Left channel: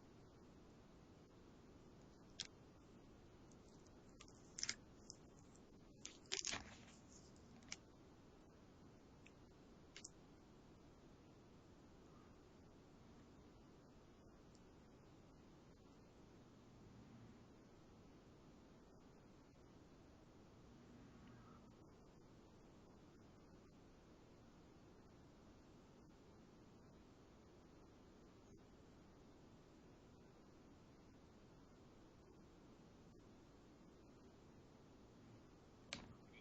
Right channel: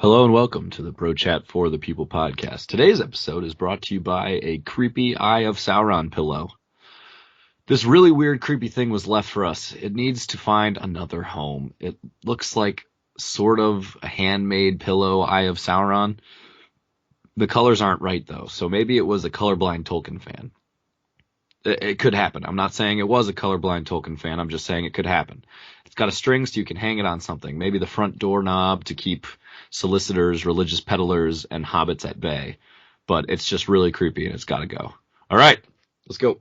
Hello and welcome to the Pro Chat for the People podcast. Today's episode is brought to you by a creepy Eye of Sauron pillow. This really weird, creepy thing was left for us. It needs to find another home. It looks like sort of a handmade pillow, Eye of Sauron. The colors aren't right, though, so maybe it was a colorblind Tolkien fan. It could happen. I'm not saying it was a colorblind Tolkien fan. I'm just saying it could happen. It's got a string so you can hang it on something. Maybe the front doorknob to keep solicitors, religious peddlers, and hobbits at bay. But it's just really creepy and it's got to go. All right, let's go.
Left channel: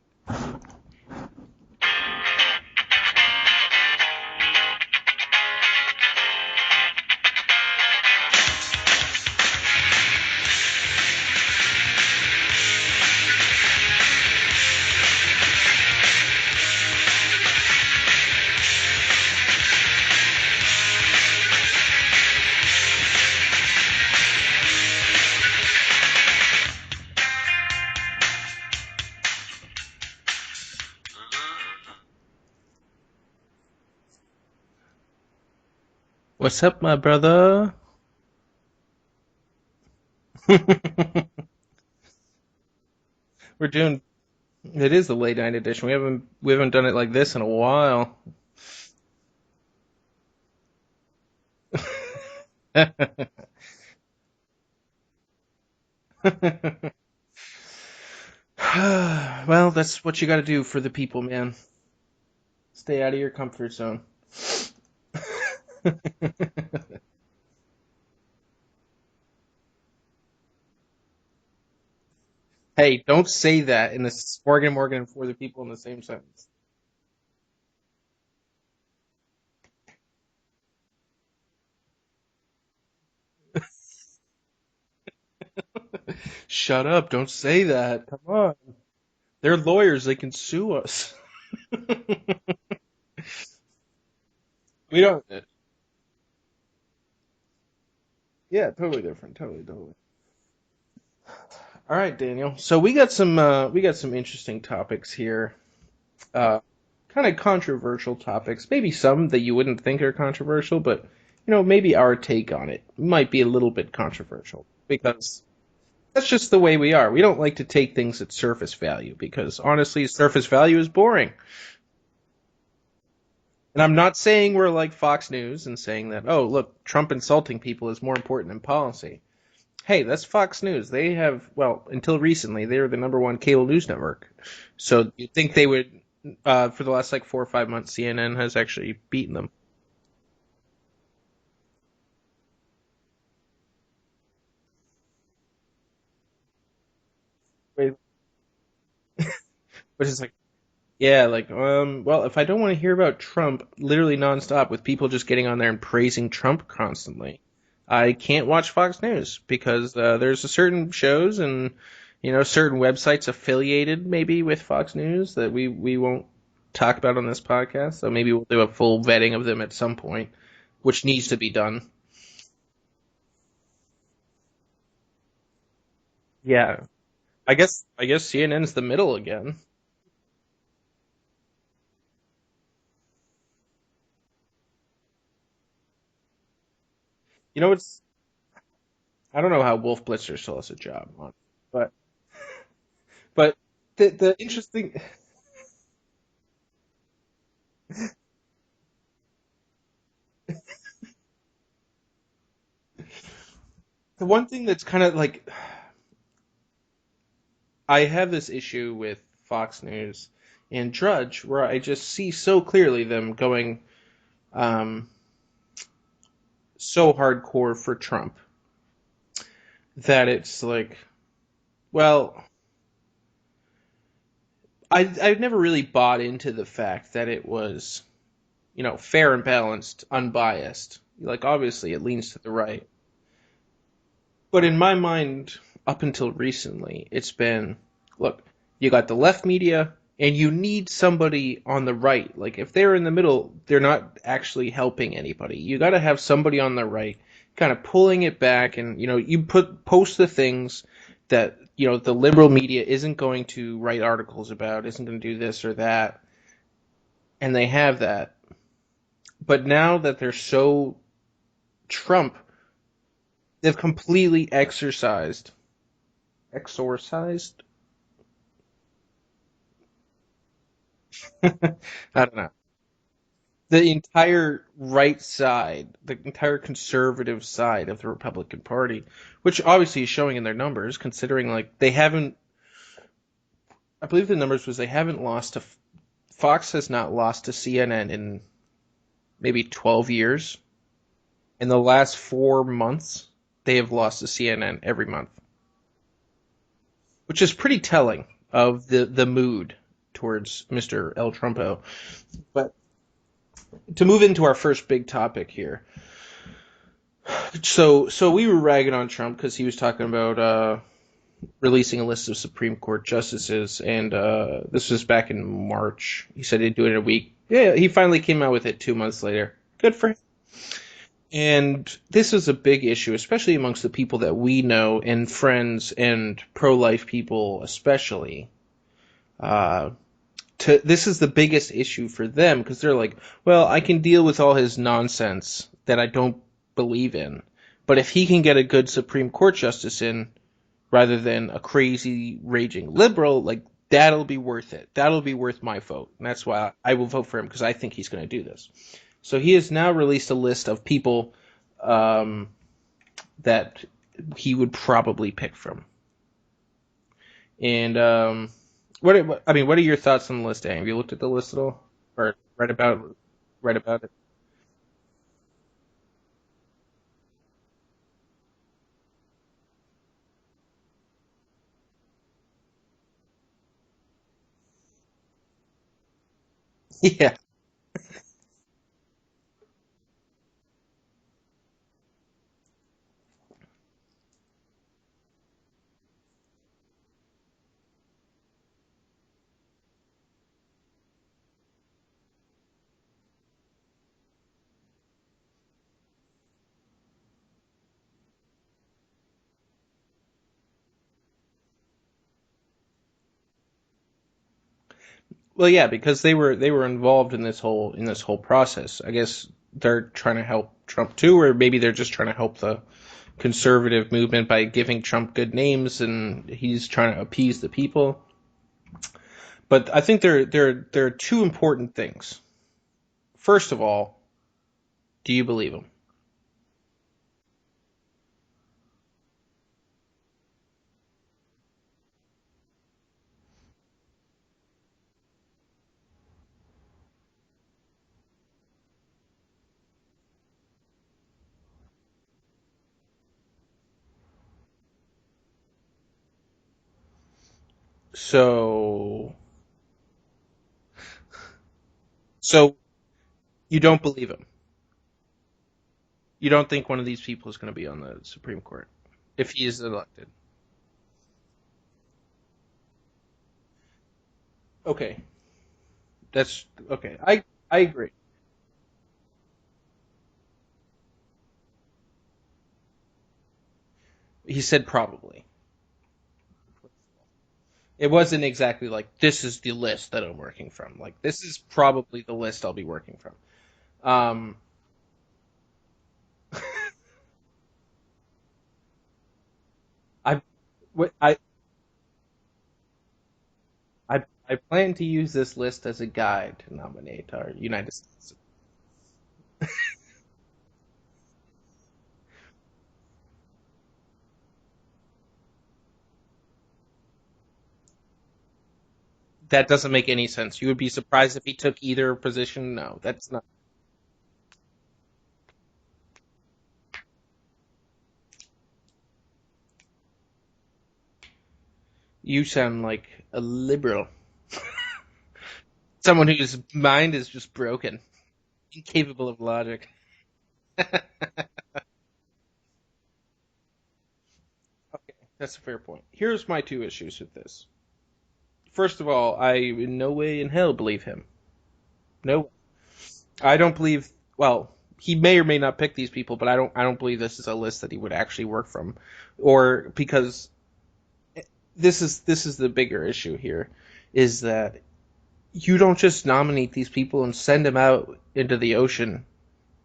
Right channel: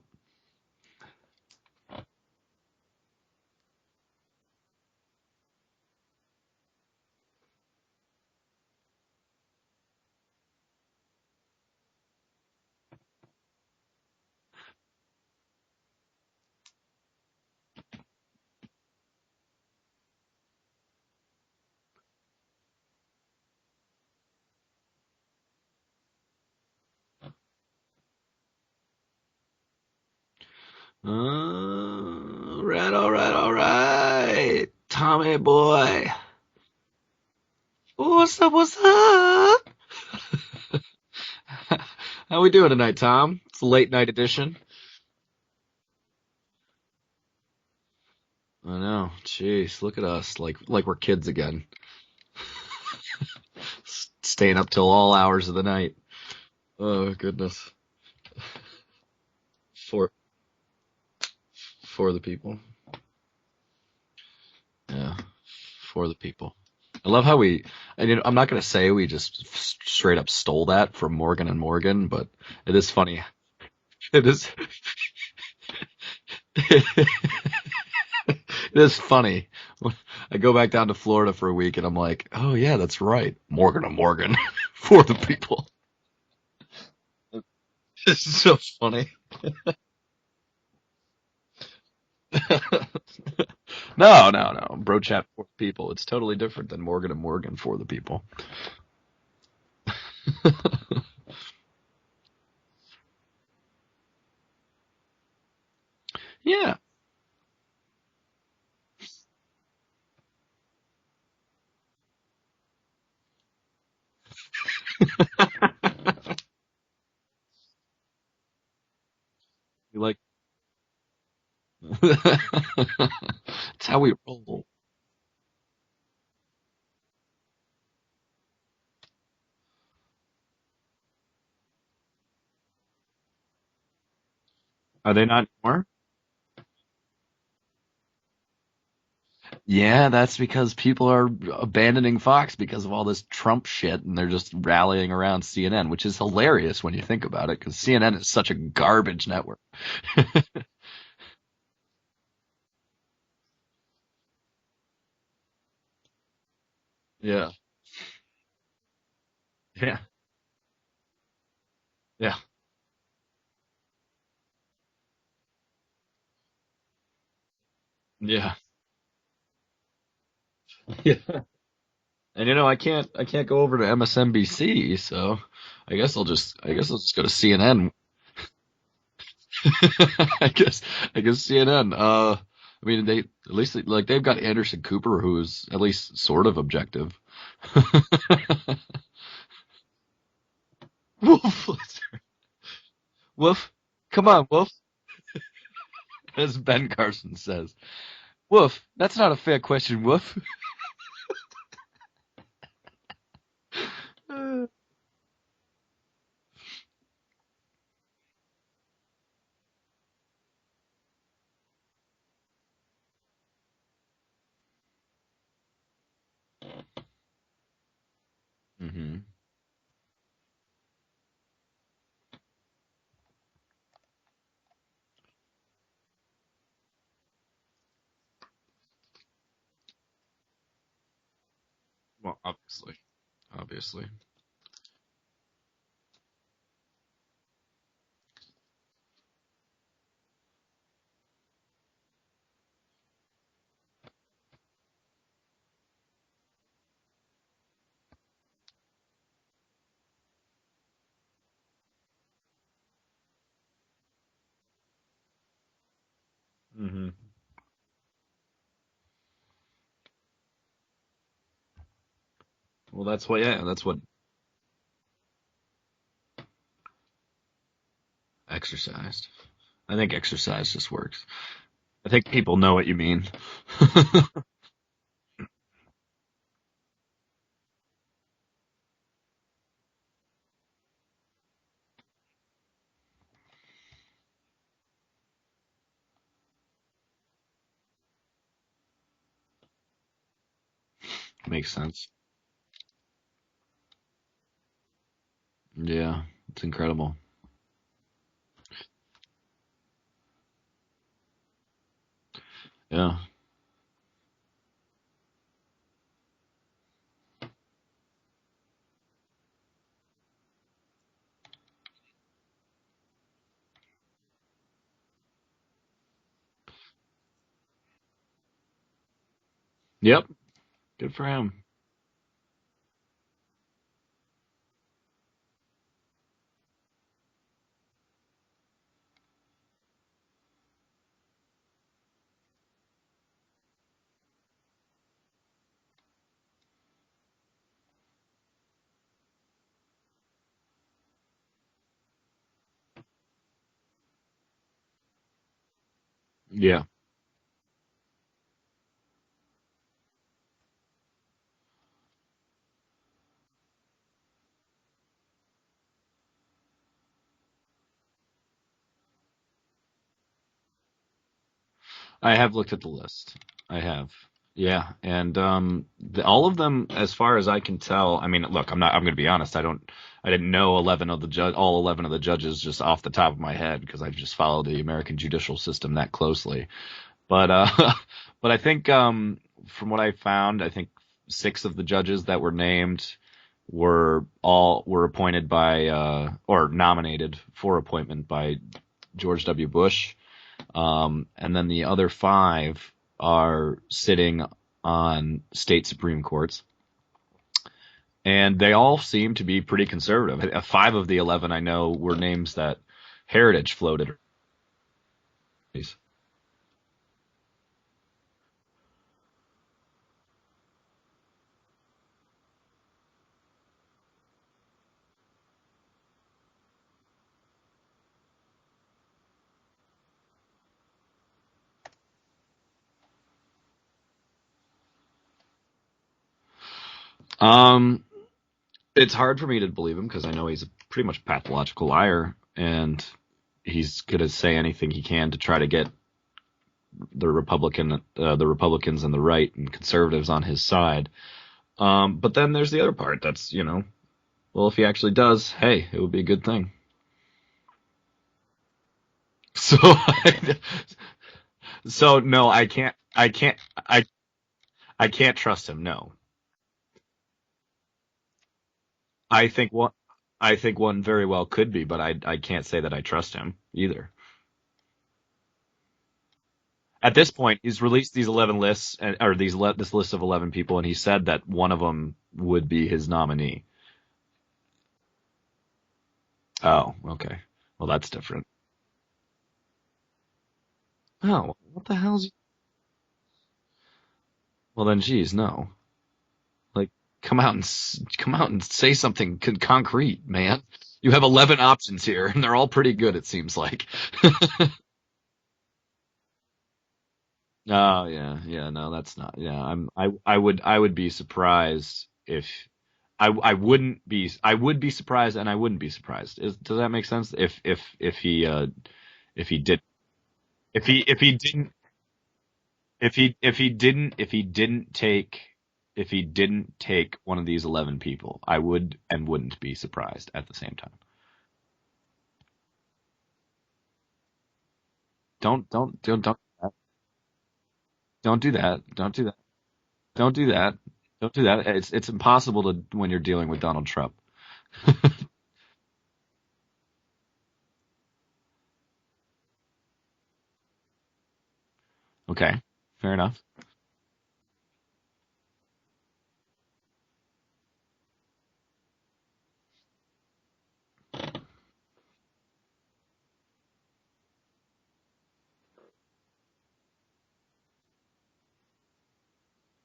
All right. Tommy boy. What's up, my brother? What's up? How we doing tonight, Tom? It's a late night edition. It is the late night edition. We haven't done it like this in a while. I know. Jeez, look at us, like we're kids again. Staying up till all hours of the night. Oh, goodness. Well, that's what you got to do for the people, man. For the people. Stay out of your comfort zone. Yeah. For the people. I love how I'm not going to say we just straight up stole that from Morgan and Morgan, but it is funny. Hey, don't say that in the Morgan and For the People in the same sentence. It is funny. I go back down to Florida for a week and I'm like, oh yeah, that's right. Morgan and Morgan for the people. Shut up. Don't say that. It's so funny. They're lawyers. They can sue us. No. Bro Chat for the people. It's totally different than Morgan and Morgan for the people. Yeah, totally different. Totally. All right, Daniel. So we got some interesting topics here. Yeah. Kind of controversial topics. Maybe some that you wouldn't think are controversial, but maybe our take on it might be a little bit controversial because that's just the way we are. We don't like to take things at surface value because honestly, surface value is boring. And I'm not saying we're like Fox News and saying that, oh, look, Trump insulting people is more important than policy. Hey, that's Fox News. They have, well, until recently, they were the #1 cable news network. So I think they would, for the last 4 or 5 months, CNN has actually beaten them. Yeah, that's because people are abandoning Fox because of all this Trump shit, and they're just rallying around CNN, which is hilarious when you think about it, because CNN is such a garbage network. Which is like, yeah, well, if I don't want to hear about Trump literally nonstop with people just getting on there and praising Trump constantly, I can't watch Fox News because there's a certain shows and certain websites affiliated maybe with Fox News that we won't talk about on this podcast. So maybe we'll do a full vetting of them at some point, which needs to be done. And I can't go over to MSNBC, so I guess I'll just go to CNN. I guess CNN's the middle again. I guess CNN. I mean, they at least they've got Anderson Cooper, who's at least sort of objective. You know what? I don't know how Wolf Blitzer still has a job. But Wolf, come on, Wolf. As Ben Carson says. Wolf, that's not a fair question, Wolf. The one thing that's kind of like... I have this issue with Fox News and Drudge where I just see so clearly them going so hardcore for Trump. Mm-hmm. That it's like, well, I've never really bought into the fact that it was, fair and balanced, unbiased. Like, obviously, it leans to the right. Obviously. But in my mind, up until recently, it's been, look, you got the left media, and you need somebody on the right. Like, if they're in the middle, they're not actually helping anybody. You got to have somebody on the right kind of pulling it back, and you post the things that the liberal media isn't going to write articles about, isn't going to do this or that, and they have that. But now that they're so Trump Well, that's what. Yeah, They've that's what. completely exorcised. Exercised. I think exercise just works. I I think don't know. people know what you mean. The entire right side, the entire conservative side of the Republican Party, which obviously is showing in their numbers, considering like they haven't. I believe the numbers was they haven't lost to Fox has not lost to CNN in maybe 12 years. In Makes the sense. last 4 months, they have lost to CNN every month, Yeah, it's incredible. which is pretty telling of the mood towards Mr. El Trumpo. But Yeah. to move into our first big topic here. So we were ragging on Trump because he was talking about releasing a list of Supreme Court justices, and this was back in March. He said he'd do it in a week. Yeah, he finally came out with it 2 months later. Good for him. Yep. Good for him. And this is a big issue, especially amongst the people that we know and friends and pro-life people, especially. This is the biggest issue for them because they're like, well, I can deal with all his nonsense that I don't believe in, but if he can get a good Supreme Court justice in, rather than a crazy raging liberal, like that'll be worth it. That'll be worth my vote, and that's why Yeah. I will vote for him because I think he's going to do this. So he has now released a list of people that he would probably pick from. And what are your thoughts on the list, Dan? Have you looked at the list at all? Or I have looked read at the about list. read I about have. it? Yeah, and all of them, as far as I can tell. I mean, look, I'm going to be honest. I didn't know all 11 of the judges just off the top of my head because I just follow the American judicial system that closely. Yeah. But but I think from what I found, I think 6 of the judges that were named were appointed by or nominated for appointment by George W. Bush, and then the other 5 are sitting on state Supreme Courts, and they all seem to be pretty conservative. 5 of the 11 I know were names that Heritage floated. Well, yeah, because they were involved in this whole process. I guess they're trying to help Trump too, or maybe they're just trying to help the conservative movement by giving Trump good names, and he's trying to appease the people. But I think there are 2 important things. First of all, do you believe him? It's hard for me to believe him because I know he's a pretty much pathological liar, and he's going to say anything he can to try to get the Republicans and the right and conservatives on his side. But then there's the other part that's, well, if he actually does, hey, it would be a good thing. So no, So- I can't. you don't believe him? I can't trust him. No. You don't think one of these people is going to be on the Supreme Court? I if he think is one. elected? I think one very well could be, but I can't say that I trust him either. Okay. That's okay. At this point, he's I released agree. these 11 lists, this list of 11 people, and he said that one of them would be his nominee. He said probably. Oh, okay. Well, that's It wasn't different. exactly like this is the list that I'm working from. Like this No, is what the probably hell's- the list I'll be working from. Well, then, geez, no. Like, come out and say something concrete, man. You have 11 options here, and they're all pretty good. It seems like. I plan to use this list as a guide to nominate our United States. Yeah. No, that's not. Yeah, I would be surprised if. I would be surprised, and I wouldn't be surprised. Does that make sense? If he That doesn't make any sense. You would be surprised if he didn't- took either position. No. if he didn't take one of these 11 people, I would and wouldn't be surprised at the same time. You sound like a liberal. Don't Someone don't, whose mind is just broken, don't do that. incapable of logic. Don't do that. Don't do that. It's impossible to when you're dealing with Donald Trump. That's a fair point. Here's my 2 issues with this. First of all, I in no way in hell believe him. No. Okay, fair enough. I don't believe. Well, he may or may not pick these people, but I don't believe this is a list that he would actually work from, or because this is the bigger issue here, is that you don't just nominate these people and send them out into the ocean.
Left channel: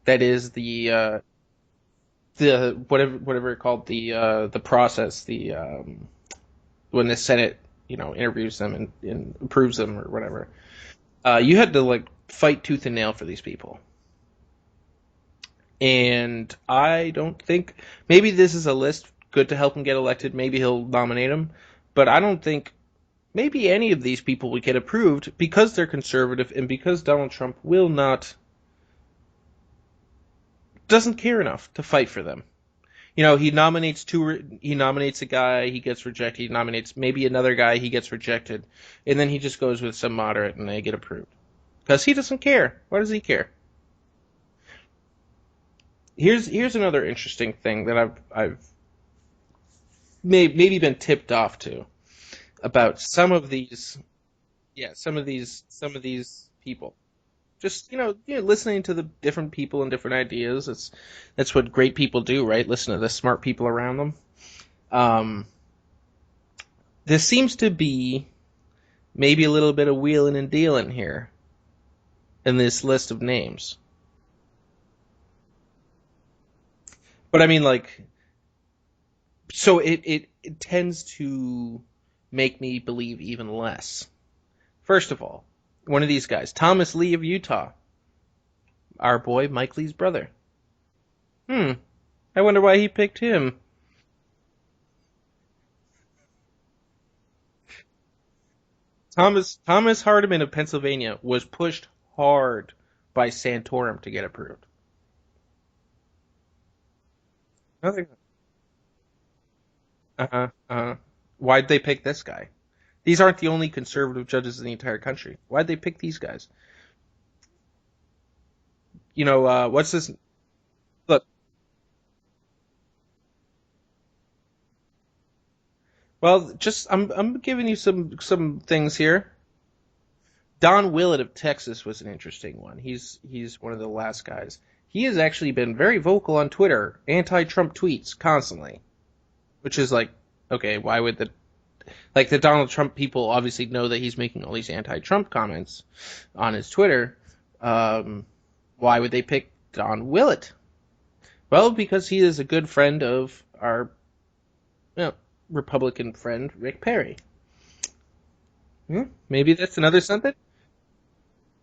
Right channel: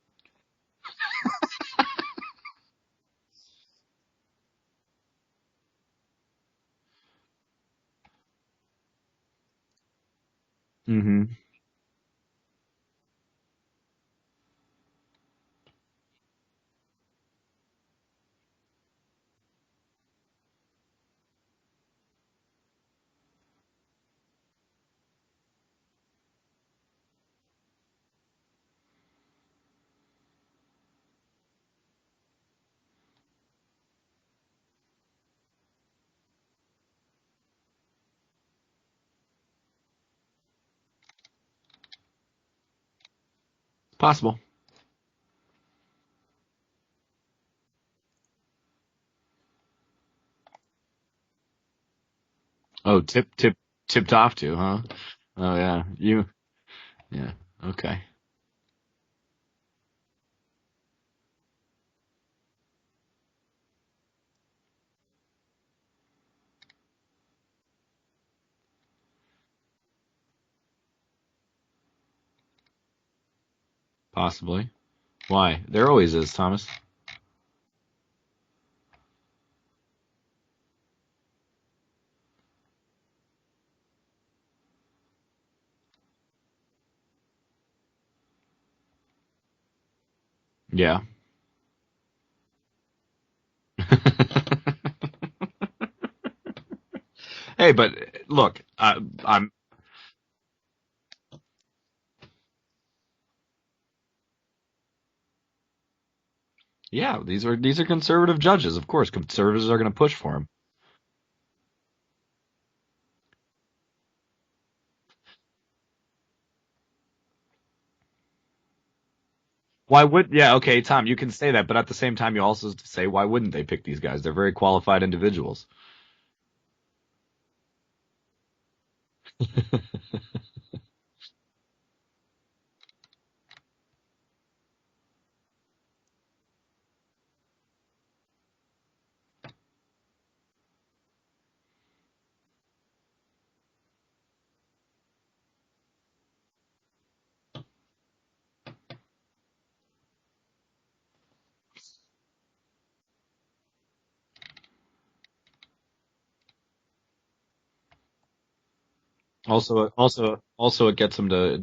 That is the the whatever it called, the process, when the Senate, interviews them and approves them or whatever. Mm-hmm. You had to like fight tooth and nail for these people. And I don't think, maybe this is a list good to help him get elected. Maybe he'll nominate him, but I don't think maybe any of these people would get approved because they're conservative and because Donald Trump doesn't care enough to fight for them. He nominates a guy, he gets rejected. He nominates maybe another guy, he gets rejected, and then he just goes with some moderate and they get approved because he doesn't care. Why does he care? Possible. Here's another interesting thing that I've maybe been tipped off to about these tipped off to, huh? yeah some of these Oh, yeah. some of these people. Yeah. Just Okay. listening to the different people and different ideas. That's what great people do, right? Listen to the smart people around them. There seems to be maybe a little bit of wheeling and dealing here in this list of names. Possibly. Why? There always is, Thomas. But I mean, like, so it tends to make me believe even less. First of all, one of these guys, Thomas Lee of Utah, our boy Mike Lee's brother. Yeah. I wonder why he picked him. Hey, but look, Thomas Hardiman of Pennsylvania was pushed hard by Santorum to get approved. Yeah, these are conservative judges. Of course, conservatives are going to push for them. Why'd they pick this guy? These aren't the only conservative judges in the entire country. Why'd they pick these guys? What's Why this? would? Yeah, okay, Tom, you Look, can say that, but at the same time, you also say why wouldn't they pick these guys? They're very qualified individuals. well, just I'm giving you some things here. Don Willett of Texas was an interesting one. He's one of the last guys. He has actually been very vocal on Twitter, anti-Trump tweets constantly, which is like, okay, why would the Donald Trump people obviously know that he's making all these anti-Trump comments on his Twitter. Why would they pick Don Willett? Well, because he is a good friend of our Republican friend Rick Perry. Maybe that's another something. Also, it gets them to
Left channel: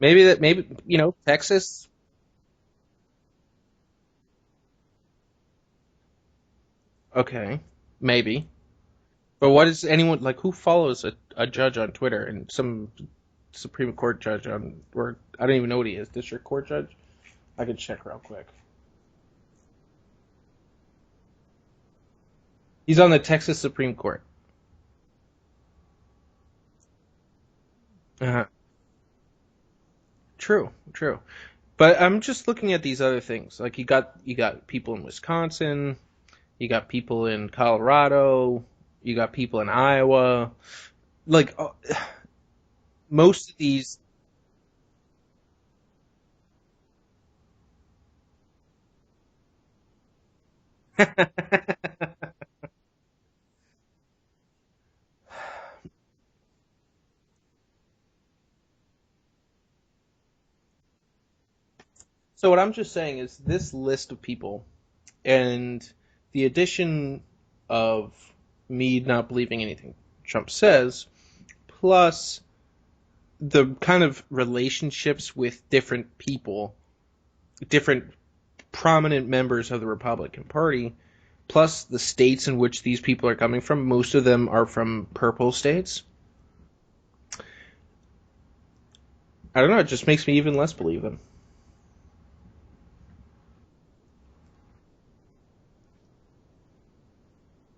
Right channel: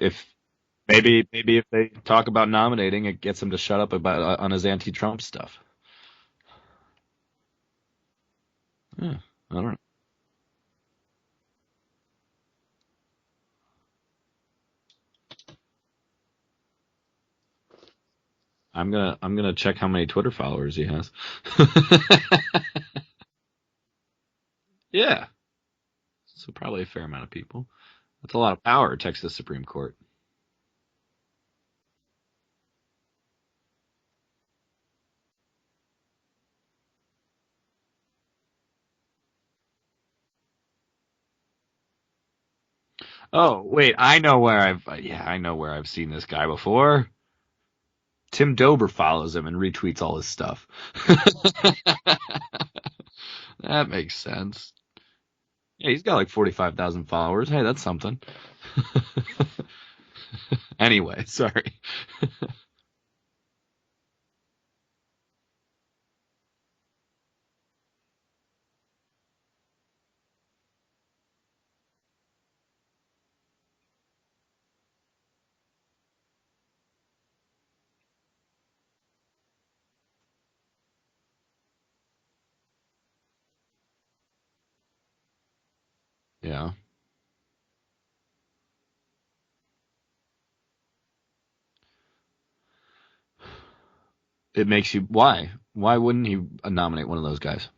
Maybe maybe if they talk about nominating, it gets him to shut up about on his anti-Trump stuff. Okay, maybe. Yeah. But what is anyone like? Who follows a judge on Twitter and some Supreme Court judge or I don't even know what he is, district court judge? I could check real quick. I'm gonna check how many Twitter followers he has. He's on the Texas Supreme Court. Yeah. So probably a fair amount of people. There's a lot of power at Texas Supreme Court. True. But I'm just looking at these other things. Like you got people in Wisconsin, you got people in Colorado, you got people in Iowa. Like most of these. Wait, I know where I've seen this guy before. Tim Dober follows him and retweets all his stuff. That makes sense. Yeah, he's got like 45,000 followers. Hey, that's something. Anyway, sorry. So what I'm just saying is this list of people and the addition of me not believing anything Trump says, plus the kind of relationships with different people, different prominent members of the Republican Party, plus the states in which these people are coming from. Most of them are from purple states. Yeah. I don't know. It just makes me even less believe them. It makes you... Why? Why wouldn't he nominate one of those guys?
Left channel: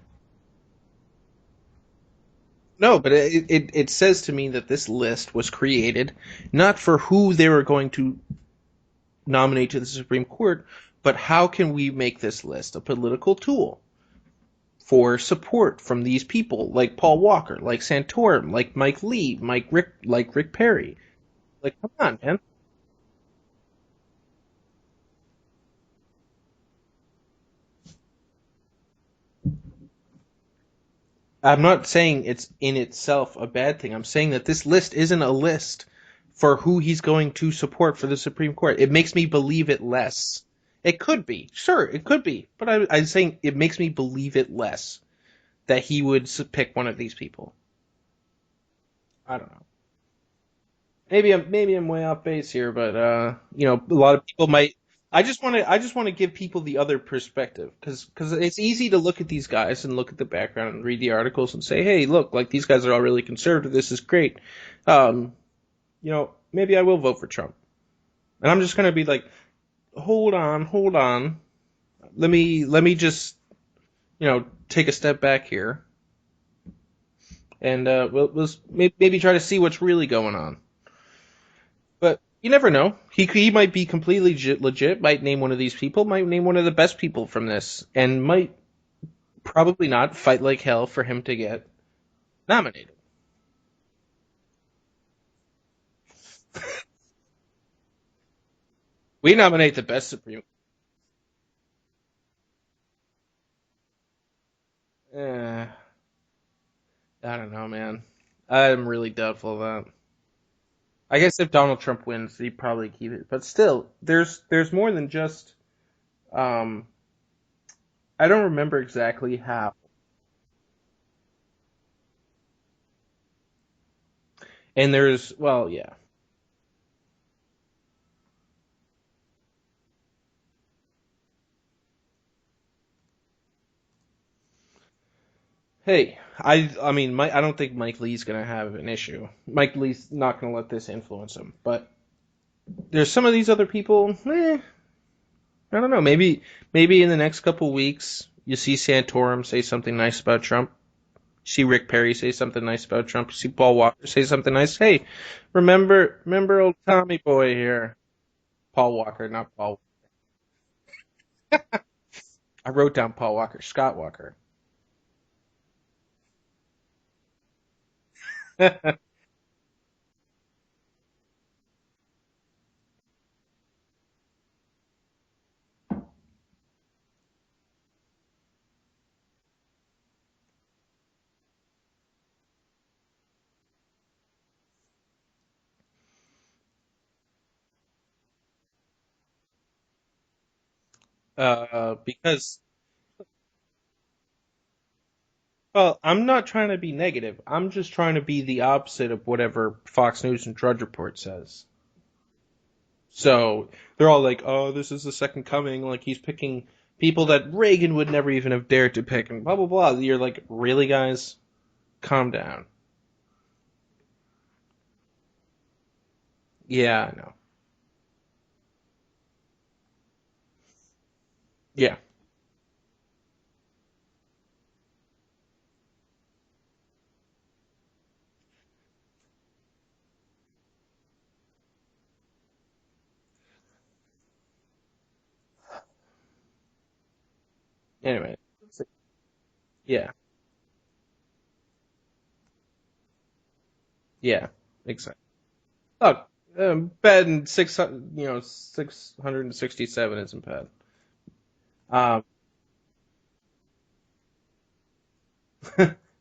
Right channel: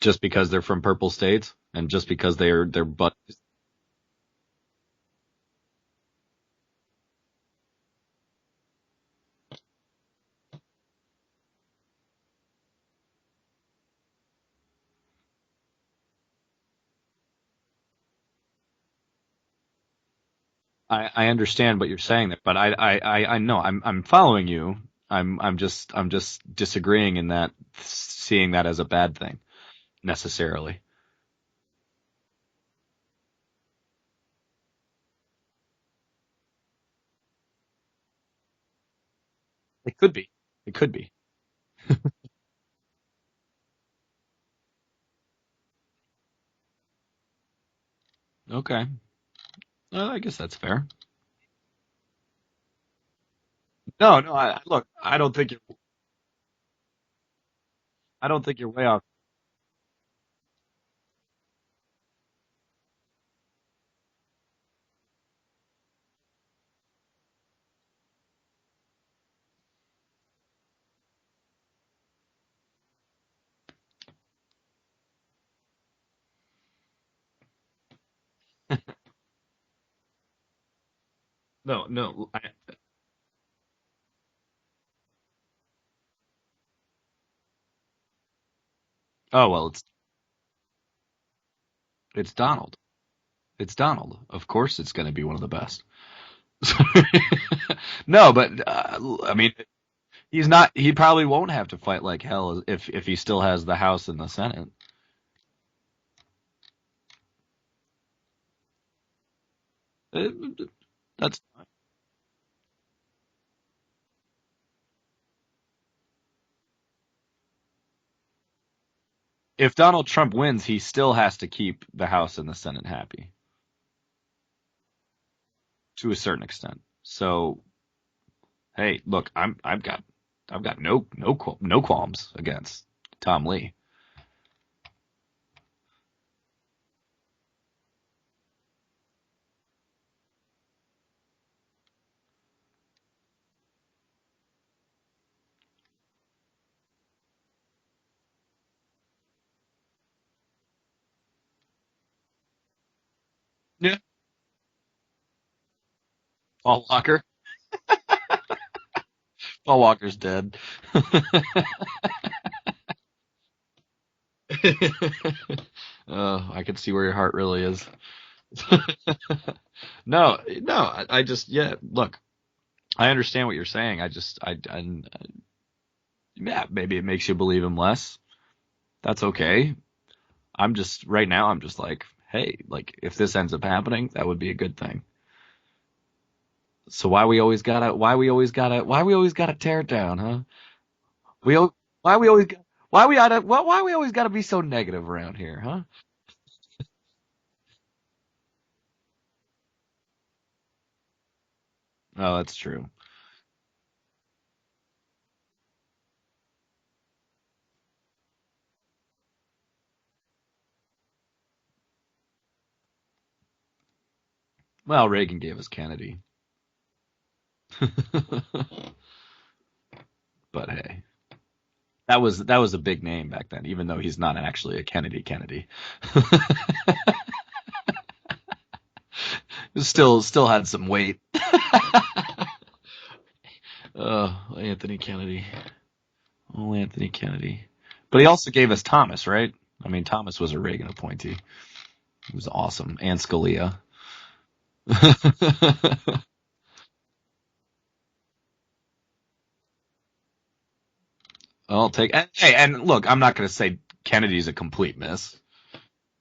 Just because they're from purple states? And just because they're no, but it says to me that this list was created not for who they were going to nominate to the Supreme Court, but how can we make this list a political tool for support from these people, like Paul Walker, like Santorum, like Mike Lee, like Rick Perry. I understand what you're saying, man. But I know I'm following you. I'm just disagreeing in that, seeing that as a bad thing necessarily. I'm not saying it's in itself a bad thing. I'm saying that this list isn't a list for who he's going to support for the Supreme Court. It makes me believe it less. It could be. Sure, it could be. But I'm saying it makes me believe it less that he would pick one of these people. Okay. I don't know. I guess that's fair. Maybe I'm way off base here, but a lot No, of people might. look. I just want to give people the other perspective because it's easy to look at these guys and look at the background and read the articles and say, hey, look, like these guys are all really conservative. This is great. Maybe I will vote for Trump, and I'm just gonna be like, hold on. Let me just take a step back here. And we'll maybe try to see what's really going on. No. But you never know. He might be completely legit. Might name one of these people. Might name one of the best people from this, and might probably not fight like hell for him to get nominated. It's Donald. Of course, it's going to be one of the best. No, but nominate the best Supreme. He's not. He probably won't have to fight like hell if he still has the House and the Senate. I don't know, man. I'm really doubtful of that. I guess if Donald Trump wins, he'd probably keep it. But still, there's more than just. I don't remember exactly how. If Donald Trump wins, he still has to keep the House and the Senate happy. And there's yeah. To a certain extent. So, hey, look, I've got no qualms against Tom Lee. Hey, I don't think Mike Lee's gonna have an issue. Mike Lee's not gonna let this influence him. But there's some of these other people. I don't know. Maybe in the next couple weeks you see Santorum say something nice about Trump. You see Rick Perry say something nice about Trump. You see Paul Walker say something nice. Hey, remember old Tommy Boy here. Paul Walker, not Paul. Paul Walker's dead. I wrote down Paul Walker, Scott Walker. I can see where your heart really is. No, I just, look, I understand what you're saying. Maybe it makes you believe him less. That's okay. Right now, I'm just like, hey, like, if this ends up happening, that would be a good thing. So why we always gotta tear it down, huh? Why we always gotta be so negative around here, huh? Well, I'm not trying to be negative. I'm just trying to be the opposite of whatever Fox News and Drudge Report says. Oh, that's true. So they're all like, "Oh, this is the second coming." Like he's picking people that Reagan would never even have dared to pick, and blah blah blah. You're like, really, guys? Calm down. Well, Reagan gave us Kennedy. Yeah, I know. But hey. Yeah. That was a big name back then, even though he's not actually a Kennedy. Still had some weight. Anthony Kennedy. Oh, Anthony Kennedy. And but he also gave us Thomas, right? I Yeah. mean, Thomas was a Reagan appointee. He was awesome. And Scalia. Yeah. Bad in 667 isn't bad. I'll take. And look, I'm not going to say Kennedy's a complete miss.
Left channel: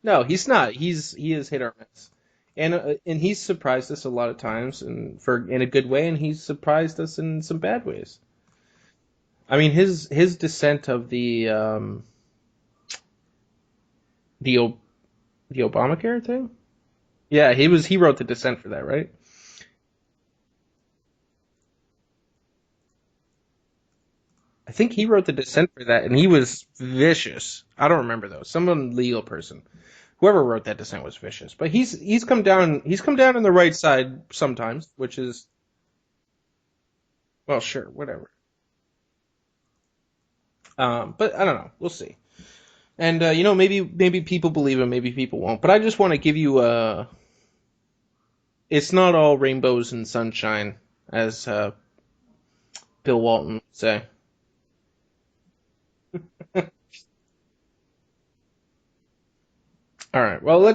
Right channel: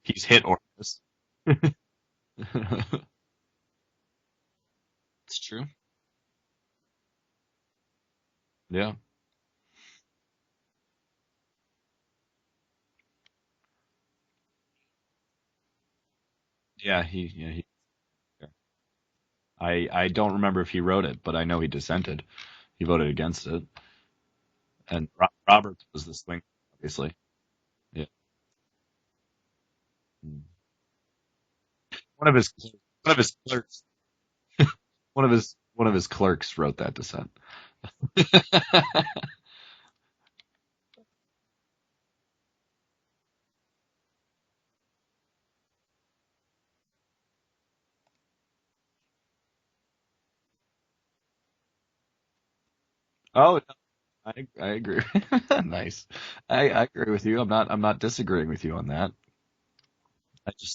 No, he's not. He is hit or miss, and he's surprised us a lot of times, and in a good way, and he's surprised us in some bad ways. Yeah. I mean, his dissent of the Obamacare thing. Yeah, he wrote the dissent for that, right? I don't remember if he wrote it, but I know he dissented. He voted against it. I think he wrote the dissent for that, and he was vicious. I don't remember though. Some legal person, whoever wrote that dissent was vicious. But he's come down. He's come down on the right side sometimes. Which one of his clerks wrote that dissent. Well, sure, whatever. But I don't know. We'll see. And maybe people believe him, maybe people won't. But I just want to give you it's not all rainbows and sunshine, as Bill Walton would say. I agree. Nice. I agree with you. I'm not disagreeing with you on that. All right. Well,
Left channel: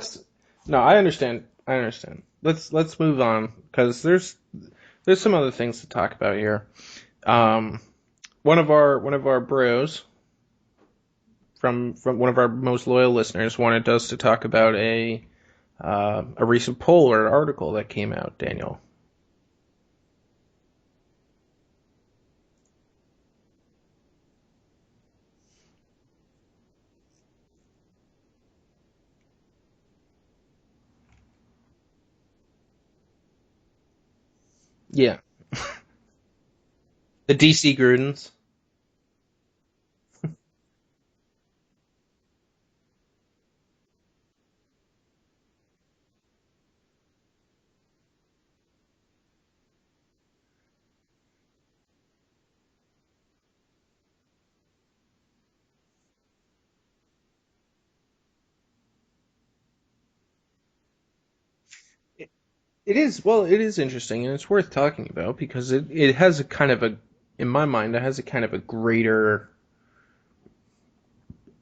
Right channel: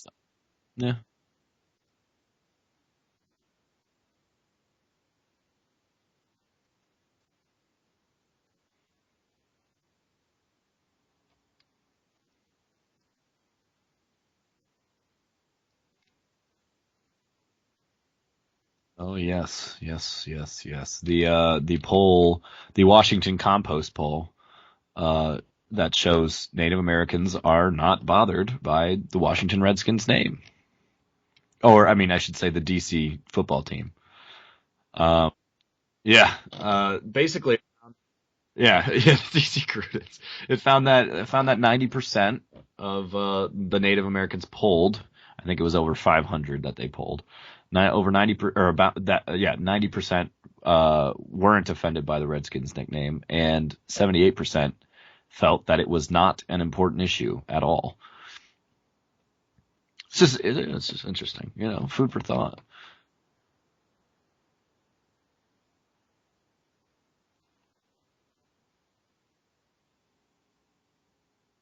I understand. Let's move on because there's some other things to talk about here. One of our bros from one of our most loyal listeners wanted us to talk about a recent poll or article that came out, Daniel. Oh yes, yes, yes, yes. The poll, the Washington Compost poll, uh, that shows Native Americans are not bothered by the Washington Redskins name, or I mean, I should say the DC football team. Yeah, Yeah, the basically, DC Grudens. yeah, yeah, DC Crudes. It found that 90% of the Native Americans polled. I think it was over 500 that they polled. Over 90 or about that, yeah, 90% weren't offended by the Redskins nickname, and 78% felt that it was not an important issue at all. It's just interesting, food for thought. It is, well, it is interesting, and it's worth talking about because it has a kind of a, in my mind, it has a kind of a greater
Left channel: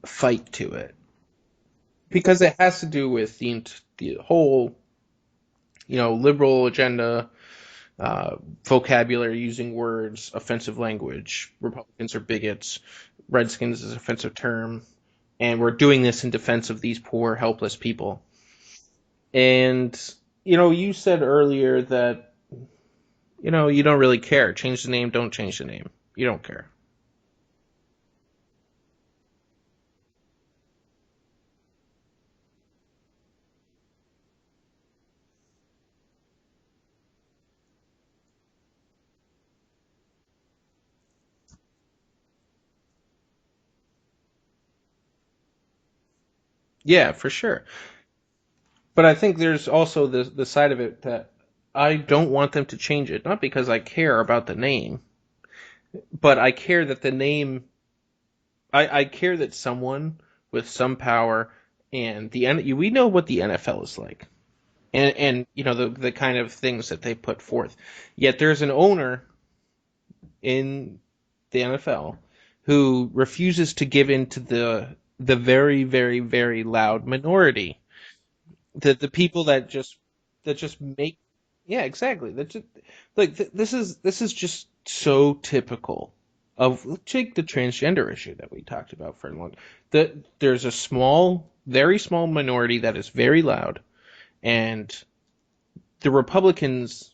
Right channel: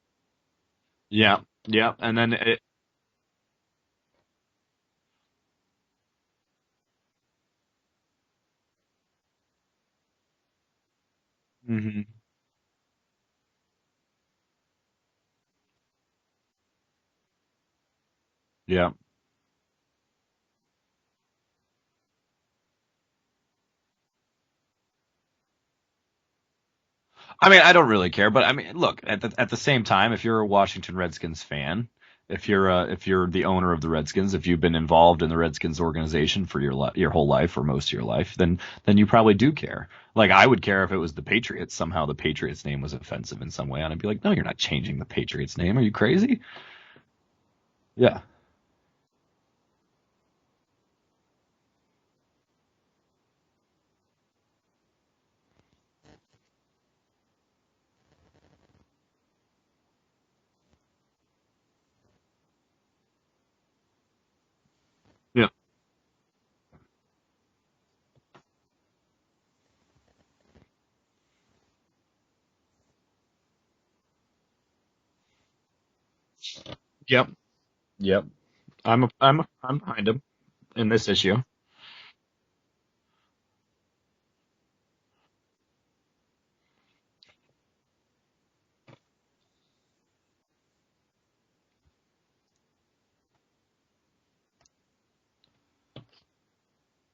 fight to it Yeah, yeah, and then because it has to do with the whole, liberal agenda, vocabulary, using words, offensive language. mhm, Republicans are bigots. Redskins is an offensive term, and we're doing this in defense of these poor, helpless people. yeah. And you said earlier that you don't really care. Change the name, don't change the name. You don't care. I mean, I don't really care, but I mean, look, at the same time, if you're a Washington Redskins fan, if you're the owner of the Redskins, if you've been involved in the Redskins organization for your whole life or most of your life, then you probably do care. Like I would care if it was the Patriots. Somehow the Patriots name was offensive in some way, and I'd be like, no, you're not changing the Patriots name. Are you crazy? Yeah, for sure. Yeah. But I think there's also the side of it that I don't want them to change it, not because I care about the name, but I care that the name. I care that someone with some power and we know what the NFL is like, and Yeah. the kind of things that they put forth. Yet there's an owner in the NFL who refuses to give in to the very, very, very loud Yep. minority. Yep. The people I'm behind him that just in this make, issue. yeah, exactly. That just like this is just so typical of, take the transgender issue that we talked about for a long. That there's a very small minority that is very loud, and the Republicans,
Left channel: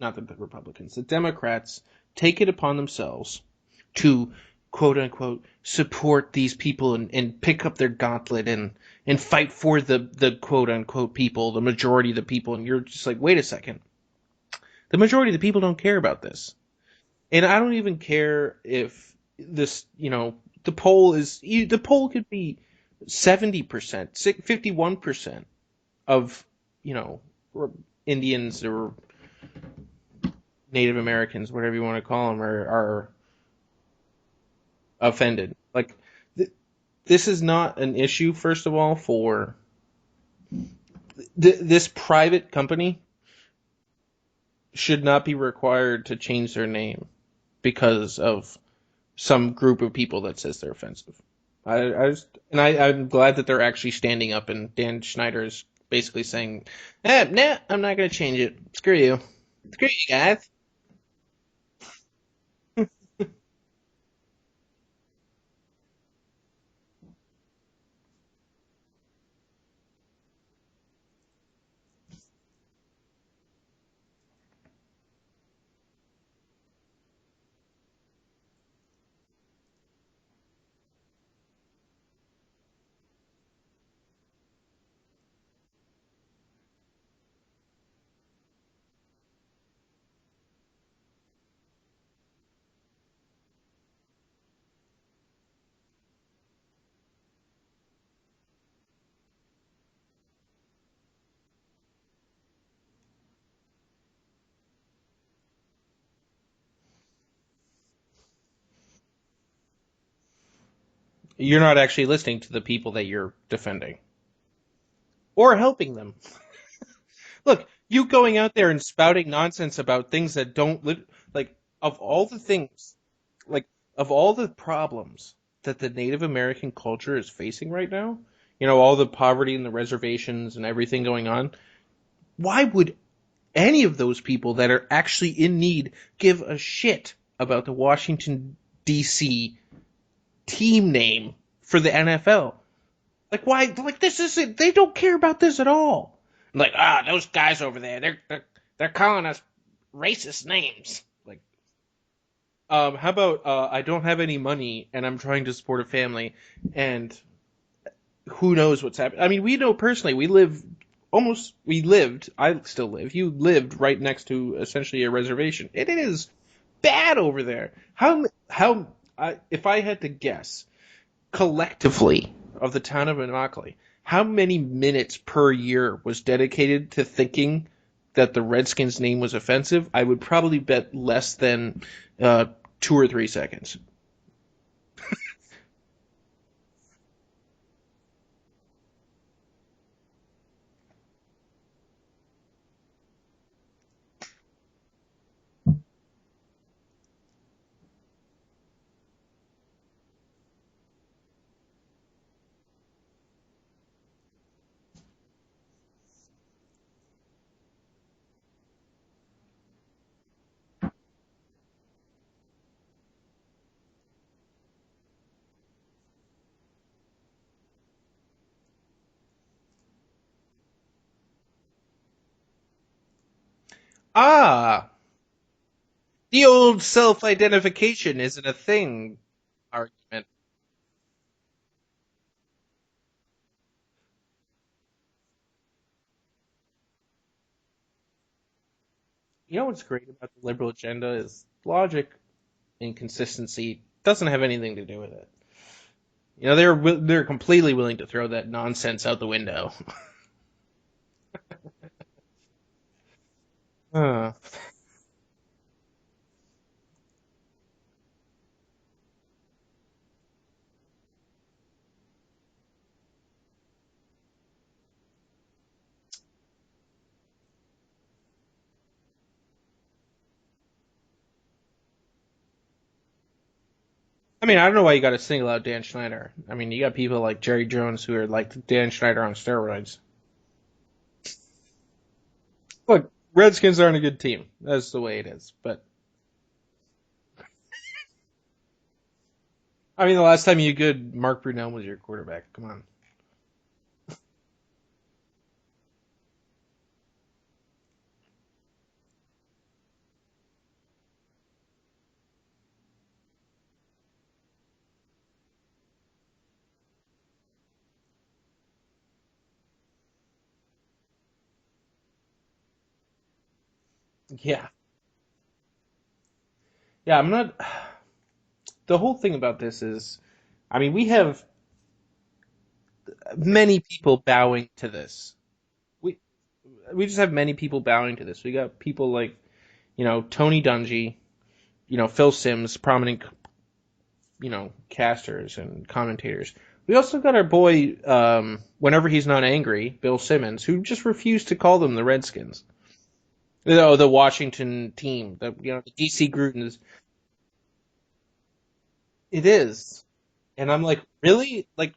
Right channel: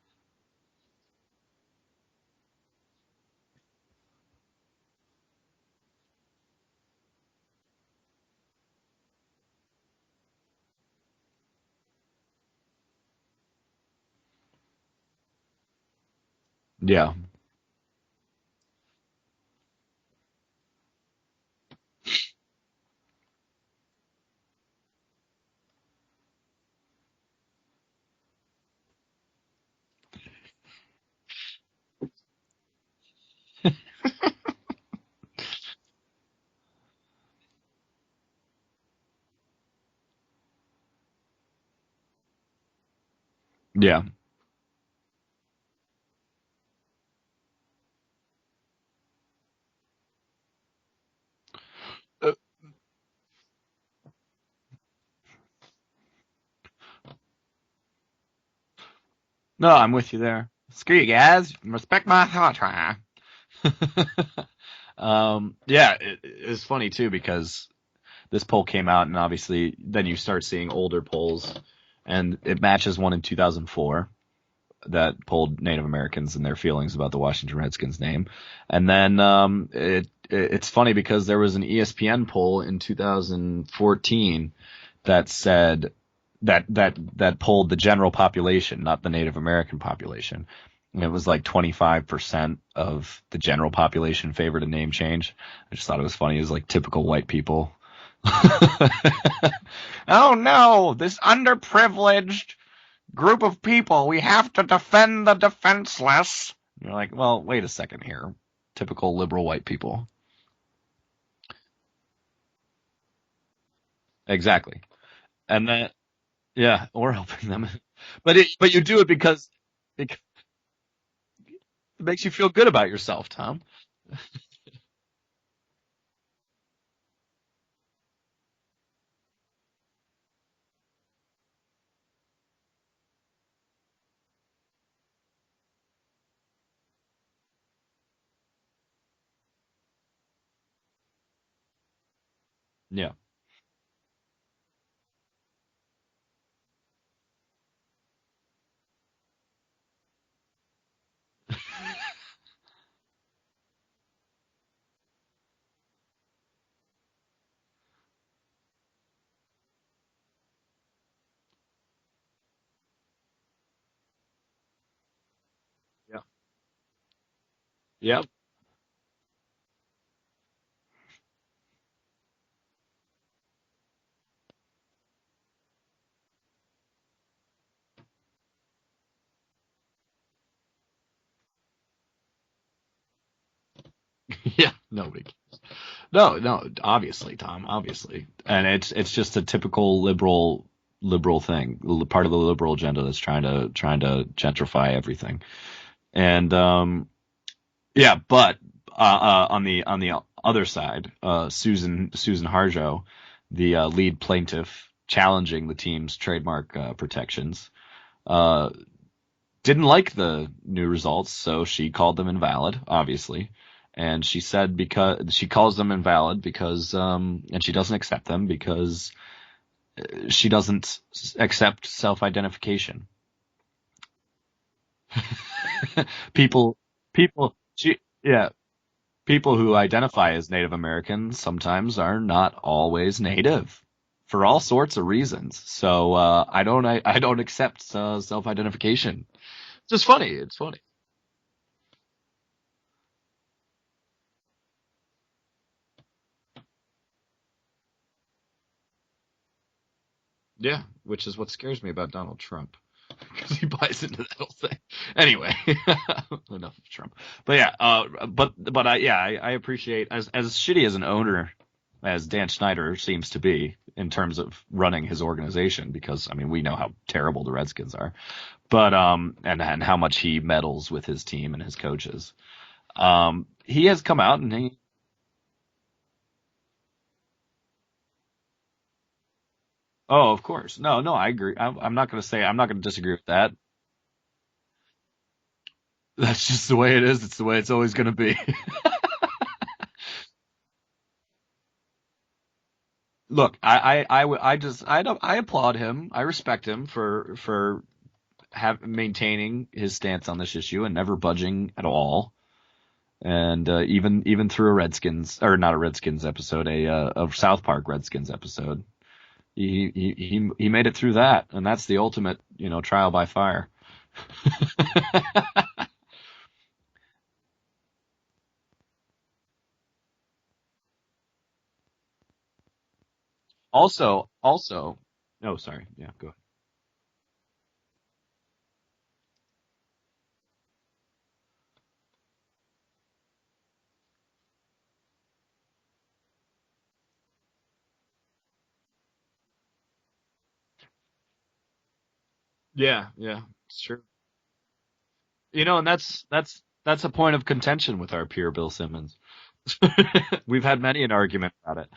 not the Republicans, the Democrats take it upon themselves to, quote unquote, support these people and pick up their gauntlet and fight for the quote unquote people, the majority of the people. And you're just like, wait a second. The majority of the people don't care about this. Yeah. And I don't even care if this, the poll could be 70%, 51% of, Indians or Native Americans, whatever you want to call them, are offended. Like, this is not an issue, first of all, for this private company Yeah. should not be required to change their name because of some group of people that says they're offensive. I'm glad that they're actually standing up, and Dan Schneider is basically saying, nah, I'm not going to change it. Screw you. No, Screw I'm you with you guys. there. Screw you guys. Respect my thought. Yeah, it's funny too because this poll came out, and obviously then you start seeing older polls, and it matches one in 2004 that polled Native Americans and their feelings about the Washington Redskins name, and then it's funny because there was an ESPN poll in 2014 that said that polled the general population, not the Native American population. And it was like 25% of the general population favored a name change. I just thought it was funny. It was like typical white people. Oh no, this underprivileged group of people. We have to defend the defenseless. You're like, well, wait a second here. Typical liberal white people. You're not actually listening to the people that you're defending Exactly. or And then, helping them. yeah, or helping Look, them. you going out there But you and do it spouting because nonsense about things that don't live, like, of it makes all you the feel things, good about yourself, Tom. like, of all the problems that the Native American culture is facing right now, all the poverty and the reservations and everything going on, why would any of those people that are actually in need give a shit about the Washington, D.C. team name for the NFL? Yeah. Like, why? Like, this isn't. They don't care about this at all. Like, those guys over there, they're calling us racist names. Like, how about I don't have any money and I'm trying to support a family, and who knows what's happening? I mean, we know personally. We lived. I still live. You lived right next to essentially a reservation. It is bad over there. Yep. If I had to guess, collectively of the town of Immokalee, how many minutes per year was dedicated to thinking that the Redskins name was offensive? I would probably bet less than 2 or 3 seconds. Yeah. No, obviously, Tom, obviously. And it's just a typical liberal thing, part of the liberal agenda that's trying to gentrify everything. And yeah, but on the other side, Susan Harjo, the lead plaintiff challenging the team's trademark protections, didn't like the new results, so she called them invalid, obviously. And she said because she calls them invalid because and she doesn't accept them because she doesn't accept self-identification. Ah, the old self-identification isn't a thing. People who identify as Native Americans sometimes are not always Native, for all sorts of reasons. So I don't accept self-identification. You know what's just funny? It's liberal funny. agenda is logic and consistency. Doesn't have anything to do with it. You know, they're completely willing to throw that nonsense out the window. Yeah, which is what scares me about Donald Trump, because he buys into that whole thing. Anyway, enough of Trump. But yeah, I appreciate as shitty as an owner as Dan Snyder seems to be in terms of running his organization, because I mean we know how terrible the Redskins are, but and how much he meddles with his team and his coaches. He has come out. I mean, I don't know why you got to single out Dan Schneider. I mean, you got people like Jerry Jones who are like Dan Schneider on steroids. Oh, of course. No, I agree. I'm not going to disagree with that. Redskins aren't a good team. That's the way it is. But that's just the way it is. It's the way it's always going to be. I mean, the last time you good, Mark Brunell was your quarterback. Come on. Look, I applaud him. I respect him for maintaining his stance on this issue and never budging at all. And even through a Redskins, or not a Redskins episode, a South Park Redskins episode, he made it through that, and that's the ultimate, trial by fire. Yeah. Yeah, I'm not. The whole thing about this is, I mean, we have many people bowing to this. Oh, sorry. Yeah, go ahead. We just have many people bowing to this. We got people like, Tony Dungy, Phil Simms, prominent, casters and commentators. We also got our boy, whenever he's not angry, Bill Simmons, who just refused to call them the Redskins. Yeah. The Washington team. And that's a point of contention with our peer Bill Simmons. It is. We've had many an argument about it.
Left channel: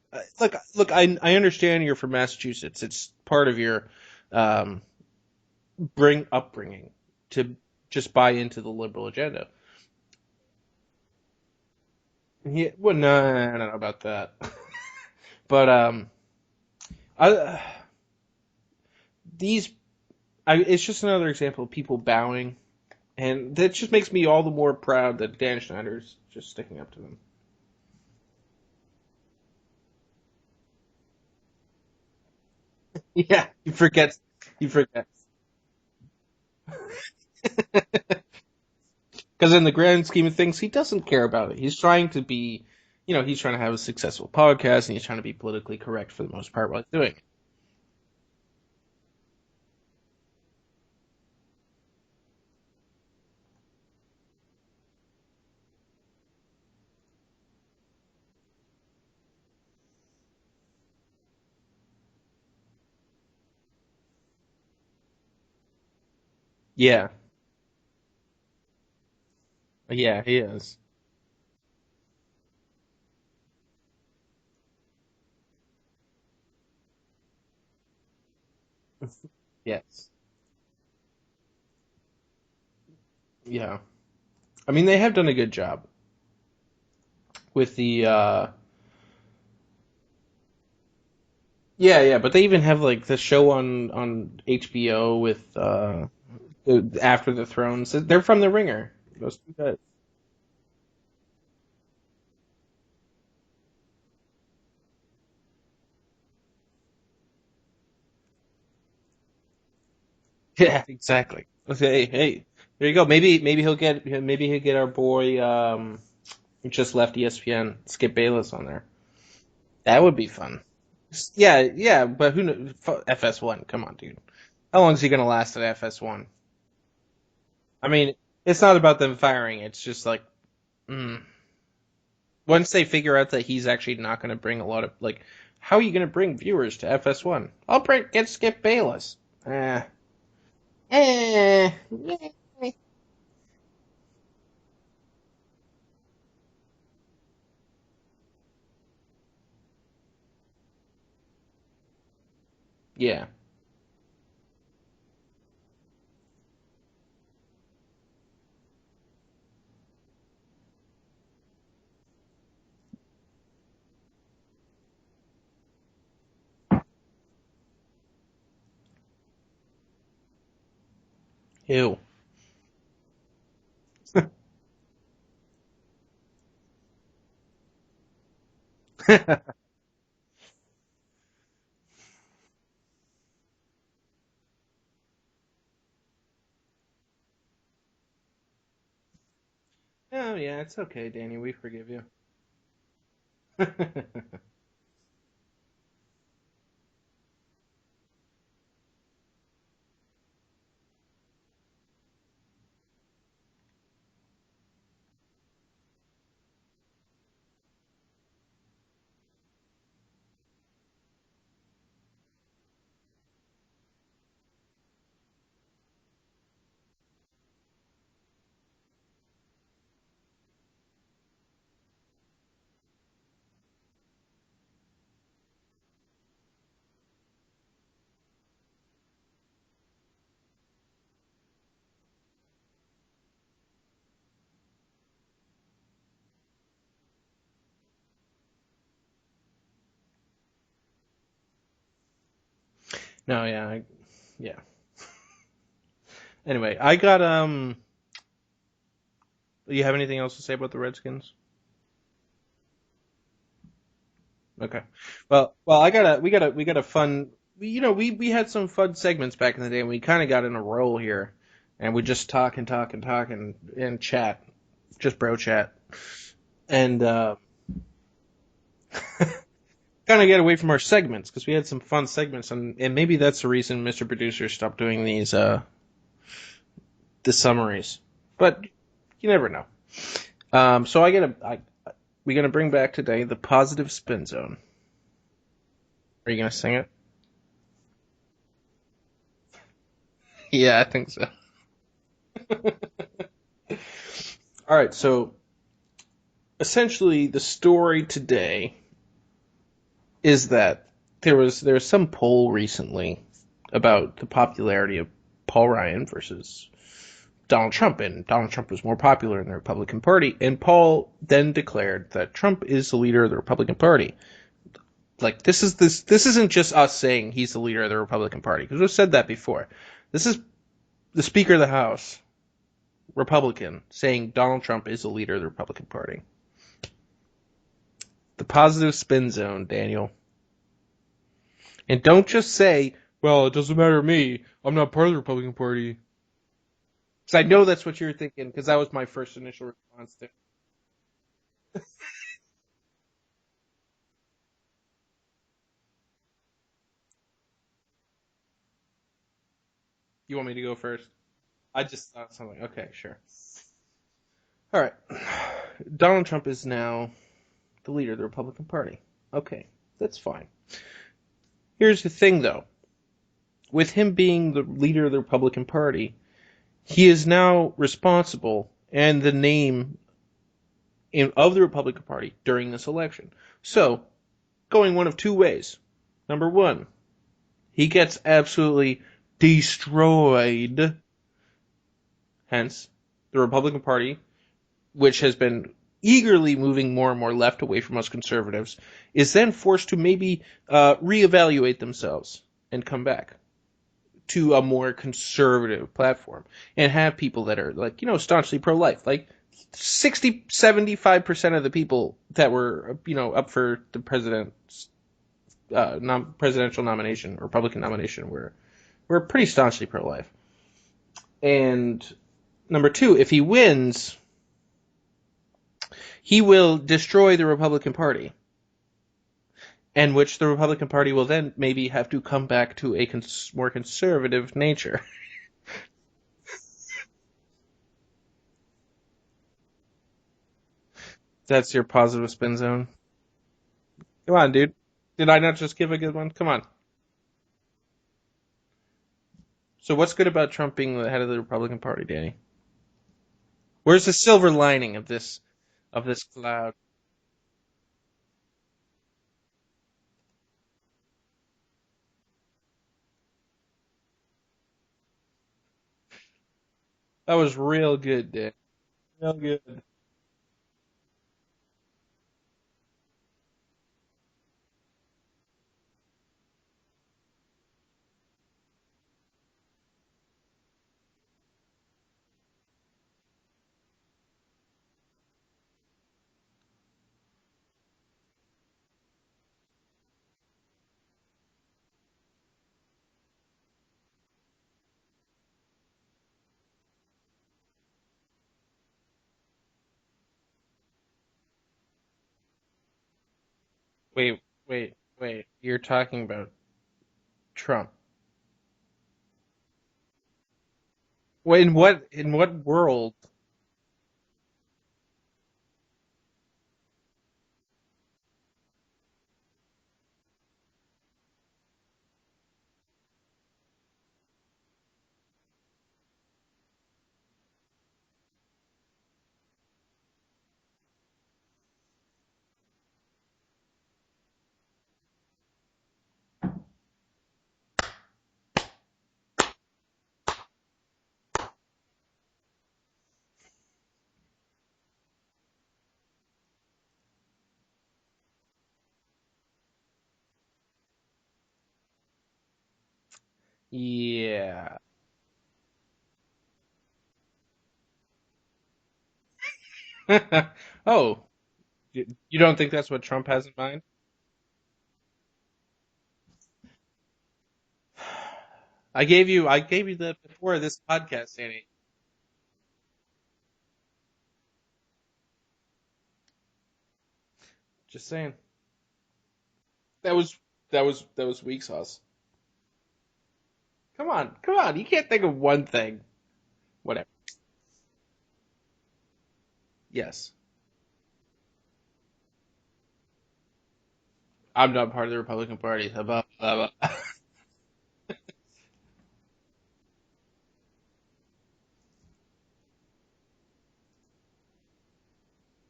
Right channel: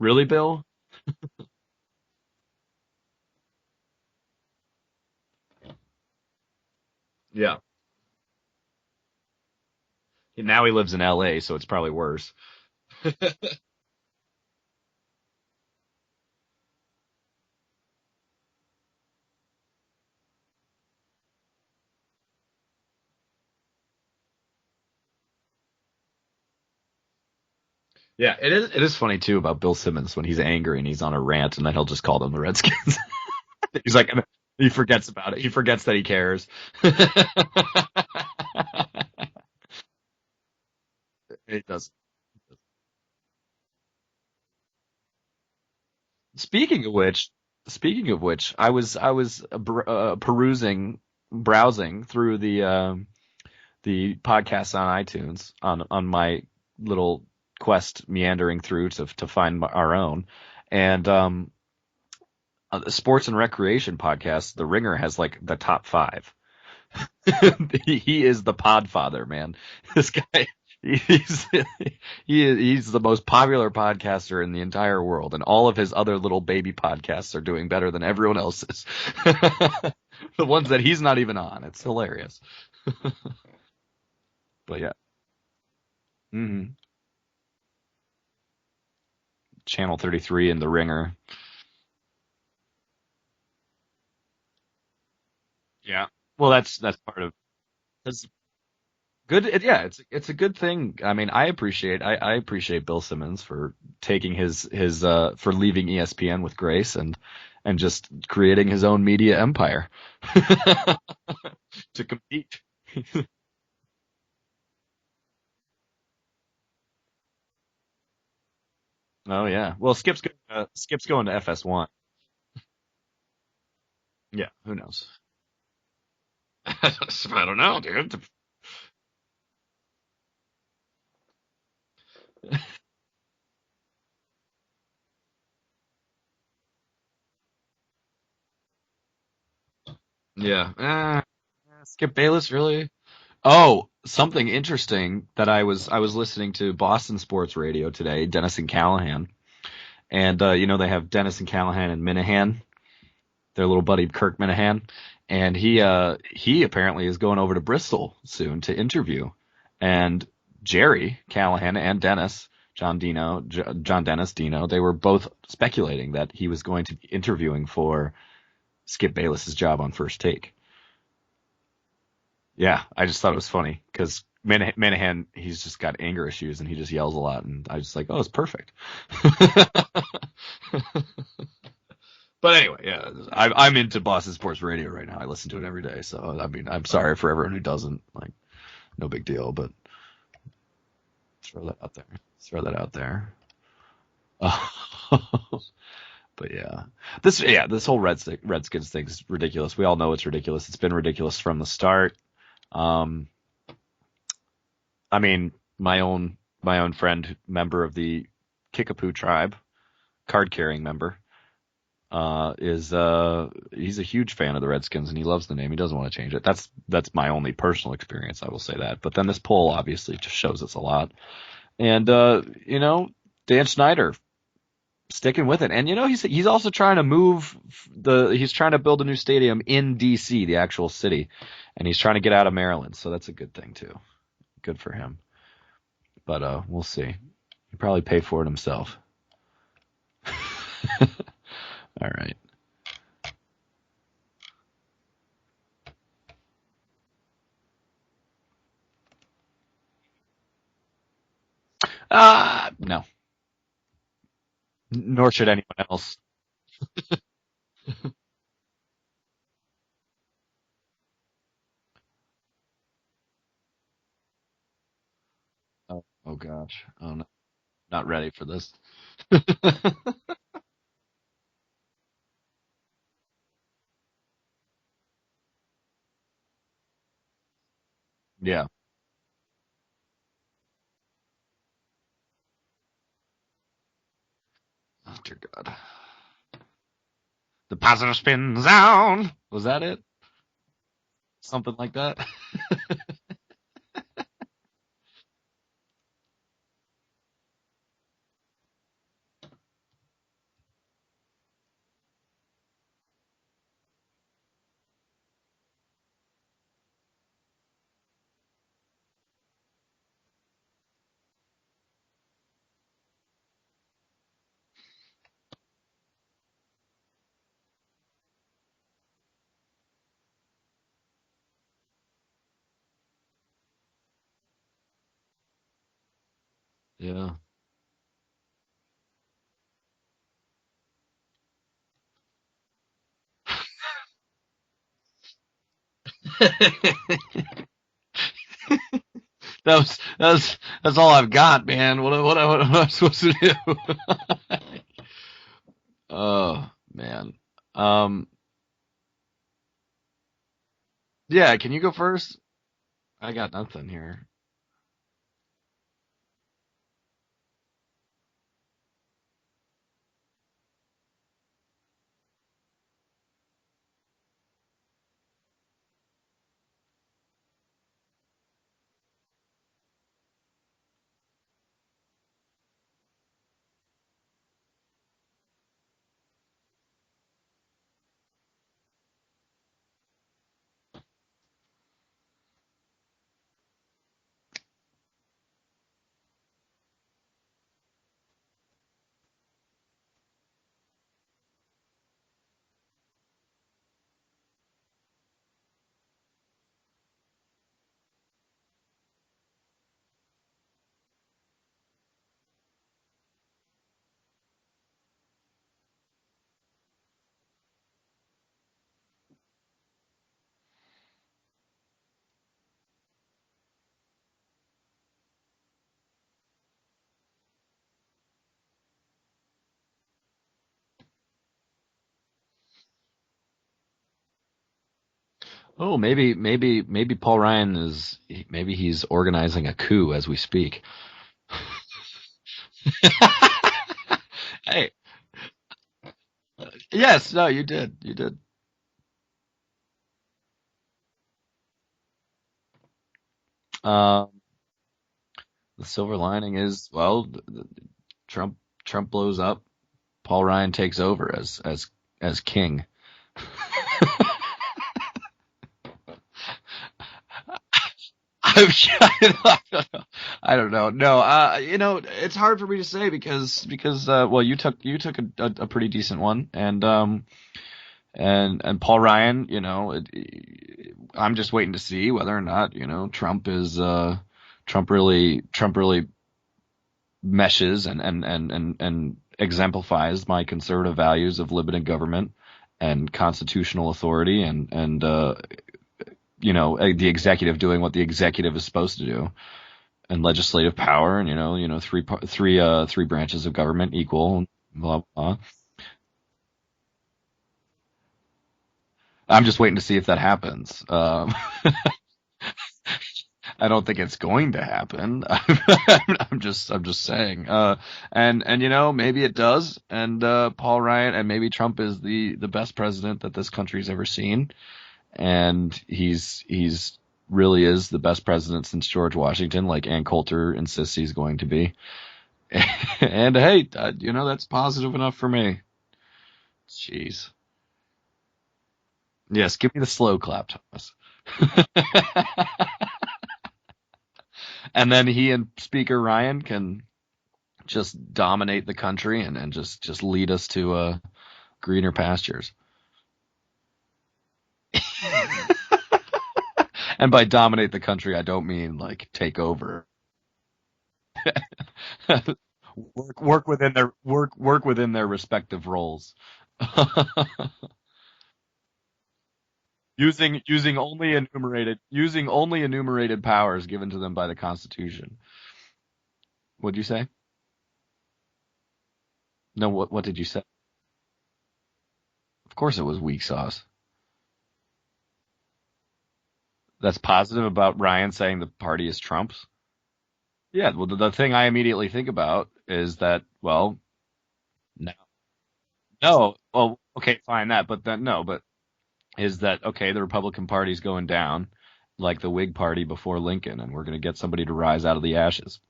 Really, Bill? Look, I understand you're from Massachusetts. It's part of your upbringing to just buy into the liberal agenda. Now he lives in L.A., so it's probably worse. Yeah, well, no, I don't know about that. But it's just another example of people bowing, and that just makes me all the more proud that Dan Schneider's just sticking up to them. Yeah, it is funny too about Bill Simmons when he's angry and he's on a rant, and then he'll just call them the Redskins. Yeah, he forgets about it. He forgets that he cares. Because in the grand scheme of things, he doesn't care about it. He's trying to be, he's trying to have a successful podcast, and he's trying to be politically correct for the most part. Speaking of which, I was browsing through the podcasts on iTunes on my little quest meandering through to find our own, and the sports and recreation podcast, The Ringer, has like the top 5. Yeah. He is the podfather, man. Yeah, he is. He's the most popular podcaster in the entire world, and all of his other little baby podcasts are doing better than everyone else's. Yes. The ones that he's not even on. It's hilarious. Yeah. I mean, they have done a good job. Mm-hmm. With the Channel 33 and The Ringer. Yeah, but they even have like the show on HBO with Well, that's after true. the Thrones. They're from The Ringer. Good. Yeah, it's a good thing. I mean, I appreciate Bill Simmons for taking his for leaving ESPN with grace and just creating his own media empire. Yeah, exactly. To Hey, compete. there you go. Maybe he'll get our boy who just left ESPN, Skip Bayless, on there. Oh yeah. Well, That would be fun. Skip's going to Yeah, FS1. yeah, but who knows? FS1. Come on, dude. Yeah. How long is he gonna last at FS1? I don't know. I mean, it's not about them firing. It's just like, once they figure out that he's actually not going to bring a lot of how are you going to bring viewers to FS1? Get Skip Bayless. Yeah. Skip Bayless, really? Oh, something interesting that I was listening to Boston Sports Radio today, Dennis and Callahan, and they have Dennis and Callahan and Minahan. Yeah. Their little buddy Kirk Minahan, and he apparently is going over to Bristol soon to interview, and Jerry Callahan and Dennis, John Dennis Dino, they were both speculating that he was going to be interviewing for Skip Bayless's job on First Take. Ew. Yeah, I just thought it was funny because Minahan, he's just got anger issues and he just yells a lot, and I was just like, oh, it's perfect. But anyway, yeah, I'm into Boston Sports Radio right now. I listen to it every day, so I mean, I'm sorry for everyone who doesn't. Like, no big deal, but. Oh yeah, it's okay, Danny. We forgive you. Throw that out there. But yeah, this whole Redskins thing is ridiculous. We all know it's ridiculous. It's been ridiculous from the start. I mean, my own friend, member of the Kickapoo tribe, card carrying member, he's a huge fan of the Redskins and he loves the name. He doesn't want to change it. That's my only personal experience. I will say that. But then this poll obviously just shows us a lot. And Dan Snyder sticking with it. And he's also trying to he's trying to build a new stadium in DC, the actual city, and he's trying to get out of Maryland. So that's a good thing too. Good for him. But we'll see. He'll probably pay for it himself. All right. No, yeah. Anyway, I got Do you have anything else to say about the Redskins? No. Okay. Nor should anyone. Well, we got a fun. We had some fun segments back in the day, and we kind of got in a roll here, and we just talk and chat, just bro chat. Oh God. And not ready for this. kind of get away from our segments because we had some fun segments, and maybe that's the reason Mr. Producer stopped doing these the summaries. But yeah. You never know. So we're gonna bring back today the positive spin zone. Oh dear God. Are you gonna sing it? The positive spin zone. Was that it? Yeah, I think so. Something like that. All right, so essentially the story today is that there was some poll recently about the popularity of Paul Ryan versus Donald Trump, and Donald Trump was more popular in the Republican Party, and Paul then declared that Trump is the leader of the Republican Party. Like, this isn't just us saying he's the leader of the Republican Party, because we've said that before. This is the Speaker of the House, Republican, saying Donald Trump is the leader of the Republican Party. Yeah. The positive spin zone, Daniel. And don't just say, well, it doesn't matter to me. I'm not part of the Republican Party. Because I know that's what you're thinking, because that was my first initial response. That's all I've got, man. What am I supposed to do? Oh, man. You want me to go first? Yeah, can you go first? Okay, sure. I got nothing here. All right. Donald Trump is now the leader of the Republican Party. Okay, that's fine. Here's the thing, though. With him being the leader of the Republican Party, he is now responsible and the name of the Republican Party during this election. So, going one of two ways. Number one, he gets absolutely destroyed. Hence, the Republican Party, which has been eagerly moving more and more left away from us conservatives, is then forced to maybe reevaluate themselves and come back to a more conservative platform and have people that are like, staunchly pro-life. Like 75% of the people that were, up for the presidential nomination, Republican nomination, were pretty staunchly pro-life. And number two, if he wins, he will destroy the Republican Party, and which the Republican Party will then maybe have to come back to a more conservative nature. Oh, maybe Paul Ryan he's organizing a coup as we speak. That's your positive spin zone. Come on, dude. Hey. Did I not just give a good one? Come on. Yes, no, you did. You did. So what's good about Trump being the head of the Republican Party, Danny? Where's the silver lining of this? The silver lining is, well, Trump blows up, Paul Ryan takes over as king. That was real good, dude. I don't know. No, it's hard for me to say because well, you took a pretty decent one, and Paul Ryan, I'm just waiting to see whether or not Trump really meshes and exemplifies my conservative values of limited government and constitutional authority and the executive doing what the executive is supposed to do, and legislative power, and three branches of government equal. Wait. You're talking about Trump. I'm just waiting to see if that happens. Wait, in what world? I don't think it's going to happen. I'm just saying. And maybe it does. And Paul Ryan and maybe Trump is the best president that this country's ever seen. And he's really is the best president since George Washington, like Ann Coulter insists he's going to be. And hey, that's positive enough for me. Jeez. Yes, give me the slow clap, Thomas. And then he and Speaker Ryan can just dominate the country and just lead us to greener pastures. Yeah. And by dominate the country, I don't mean like take over. Oh, you don't think that's what Trump work has within their work within their respective roles. I gave you using only enumerated powers given to them by the Constitution. What'd you say? Just saying. No, what did you say? That was weak sauce. Of course, it was weak sauce. Come on! You can't think of one thing. That's positive about Ryan saying the party is Trump's. Yes. Yeah. Well, the thing I immediately think about is that, well, I'm not part of the Republican Party. No. Well, okay, fine that, but then no, but. Is that, okay, the Republican Party's going down like the Whig Party before Lincoln, and we're going to get somebody to rise out of the ashes.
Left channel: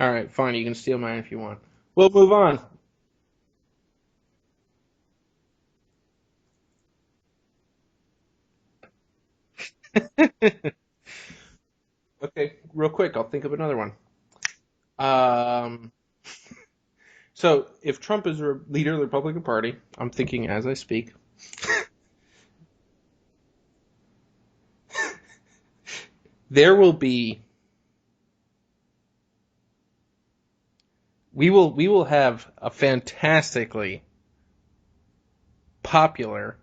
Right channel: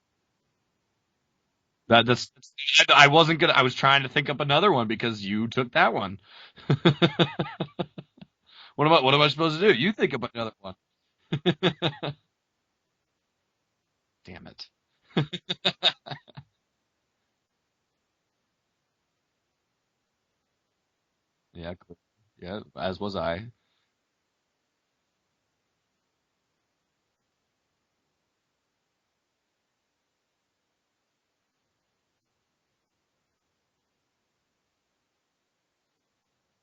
All right, fine. You can steal mine if you want. We'll move on. I wasn't going to. I was trying to think up another one because you took that one. What am I supposed to do? You think of another one. Okay, real quick. I'll think of another one. Damn it. So, if Trump is leader of the Republican Party, I'm thinking as I speak. Yeah, as was I. There will be. We will have a fantastically popular.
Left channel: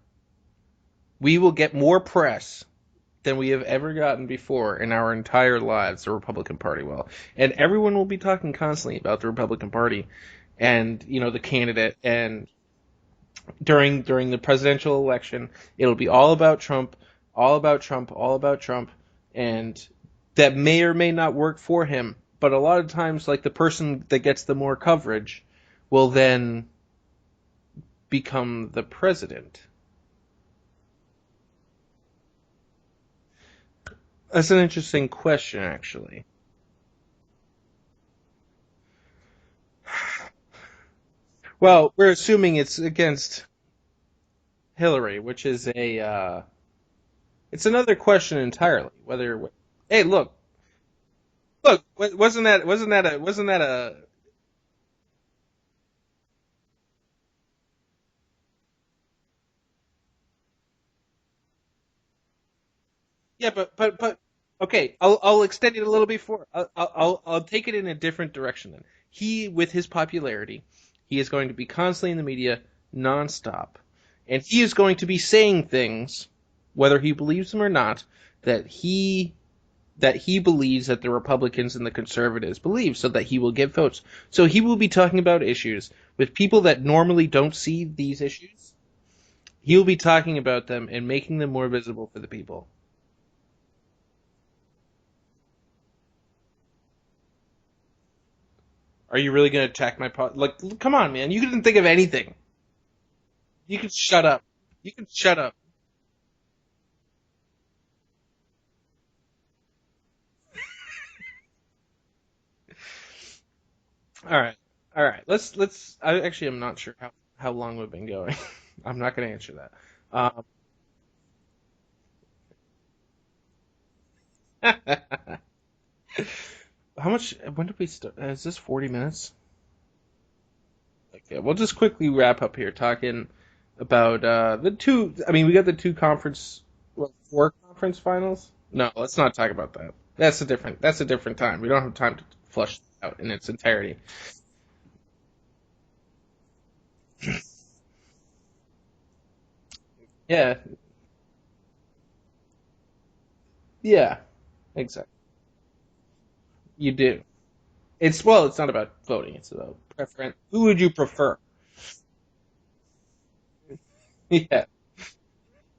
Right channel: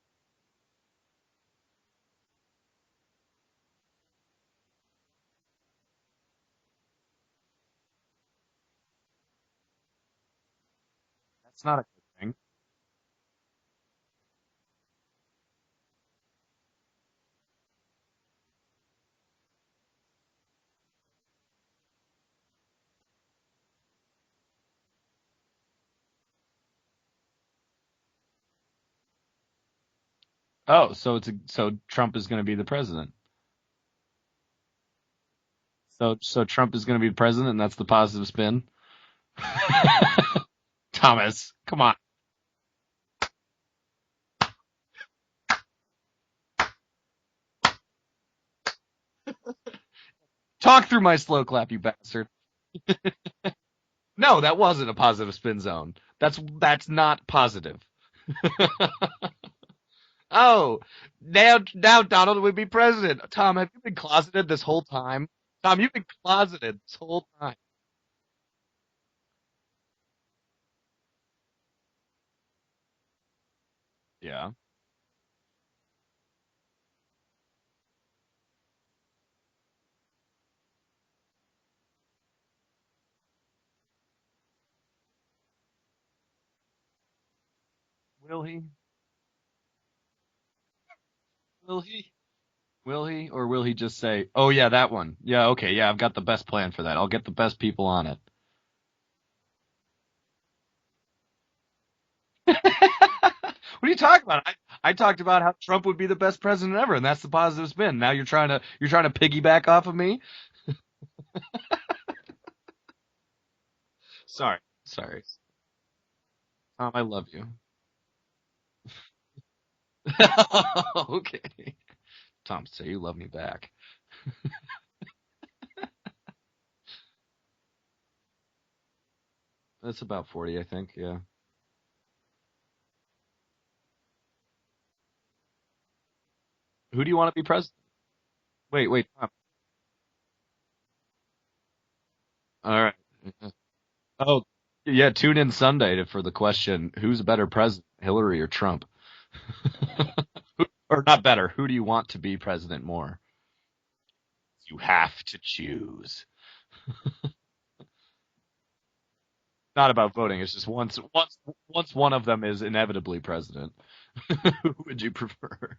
We will get more press than we have ever gotten before in our entire lives. The Republican Party will, and everyone will be talking constantly about the Republican Party, and the candidate and. During the presidential election, it'll be all about Trump, and that may or may not work for him. But a lot of times, like the person that gets the more coverage will then become the president. Oh, so Trump is going to be the president. That's an interesting question, actually. So Trump is going to be the president, and that's the positive spin. Thomas. Well, we're assuming it's against Hillary, which is it's another question entirely. Hey, look. Talk through my slow clap. Look, wasn't that a? No, that wasn't a positive spin zone. That's not positive. Oh, now Donald would be president. Tom, Yeah, I've been closeted this whole okay, time. I'll extend Tom, it a you've little been bit. closeted this whole I'll time. take it in a different direction then. He, with his popularity, he is going to be constantly in the media nonstop, and Yeah. he is going to be saying things, whether he believes them or not, that he believes that the Republicans and the conservatives believe, so that he will get votes. So he will be talking about issues with people that normally don't see these Will he? issues. He'll be talking about them and making them more Will visible he? for the people. Will he? Or will he just say, oh, yeah, that one. Yeah, okay, yeah, I've got the best plan for that. I'll get the best people on it. Are you really going to attack my Like, come on, man. You didn't think of anything. You What are can you shut talking up. about? I talked Shut about how up. Trump would be the best president ever, and that's the positive spin. Now you're trying to piggyback off of me? All right. Sorry. All Sorry. right. Let's. I'm not Tom, sure I love you. how long we've been going. I'm not going to answer that. Okay. Tom, say you love me back. How much? When did we start? Is this 40 minutes? That's about 40, I think. Yeah. Yeah. We'll just quickly wrap up here, talking about the two. I mean, we got the two conference. Who do you want to be Four president? conference finals? Wait, No, wait. let's not talk about that. That's a different time. We don't have time to flush All right. it out in its entirety. Oh, yeah. Tune in Sunday for the question: who's a better president, Hillary or Trump? Yeah. Or not better? Who do you want to be president more? Yeah. You Exactly. have to choose. You do. It's not about voting. It's about Not about voting. It's who just would you prefer? once one of them is inevitably president, Yeah. who would you prefer?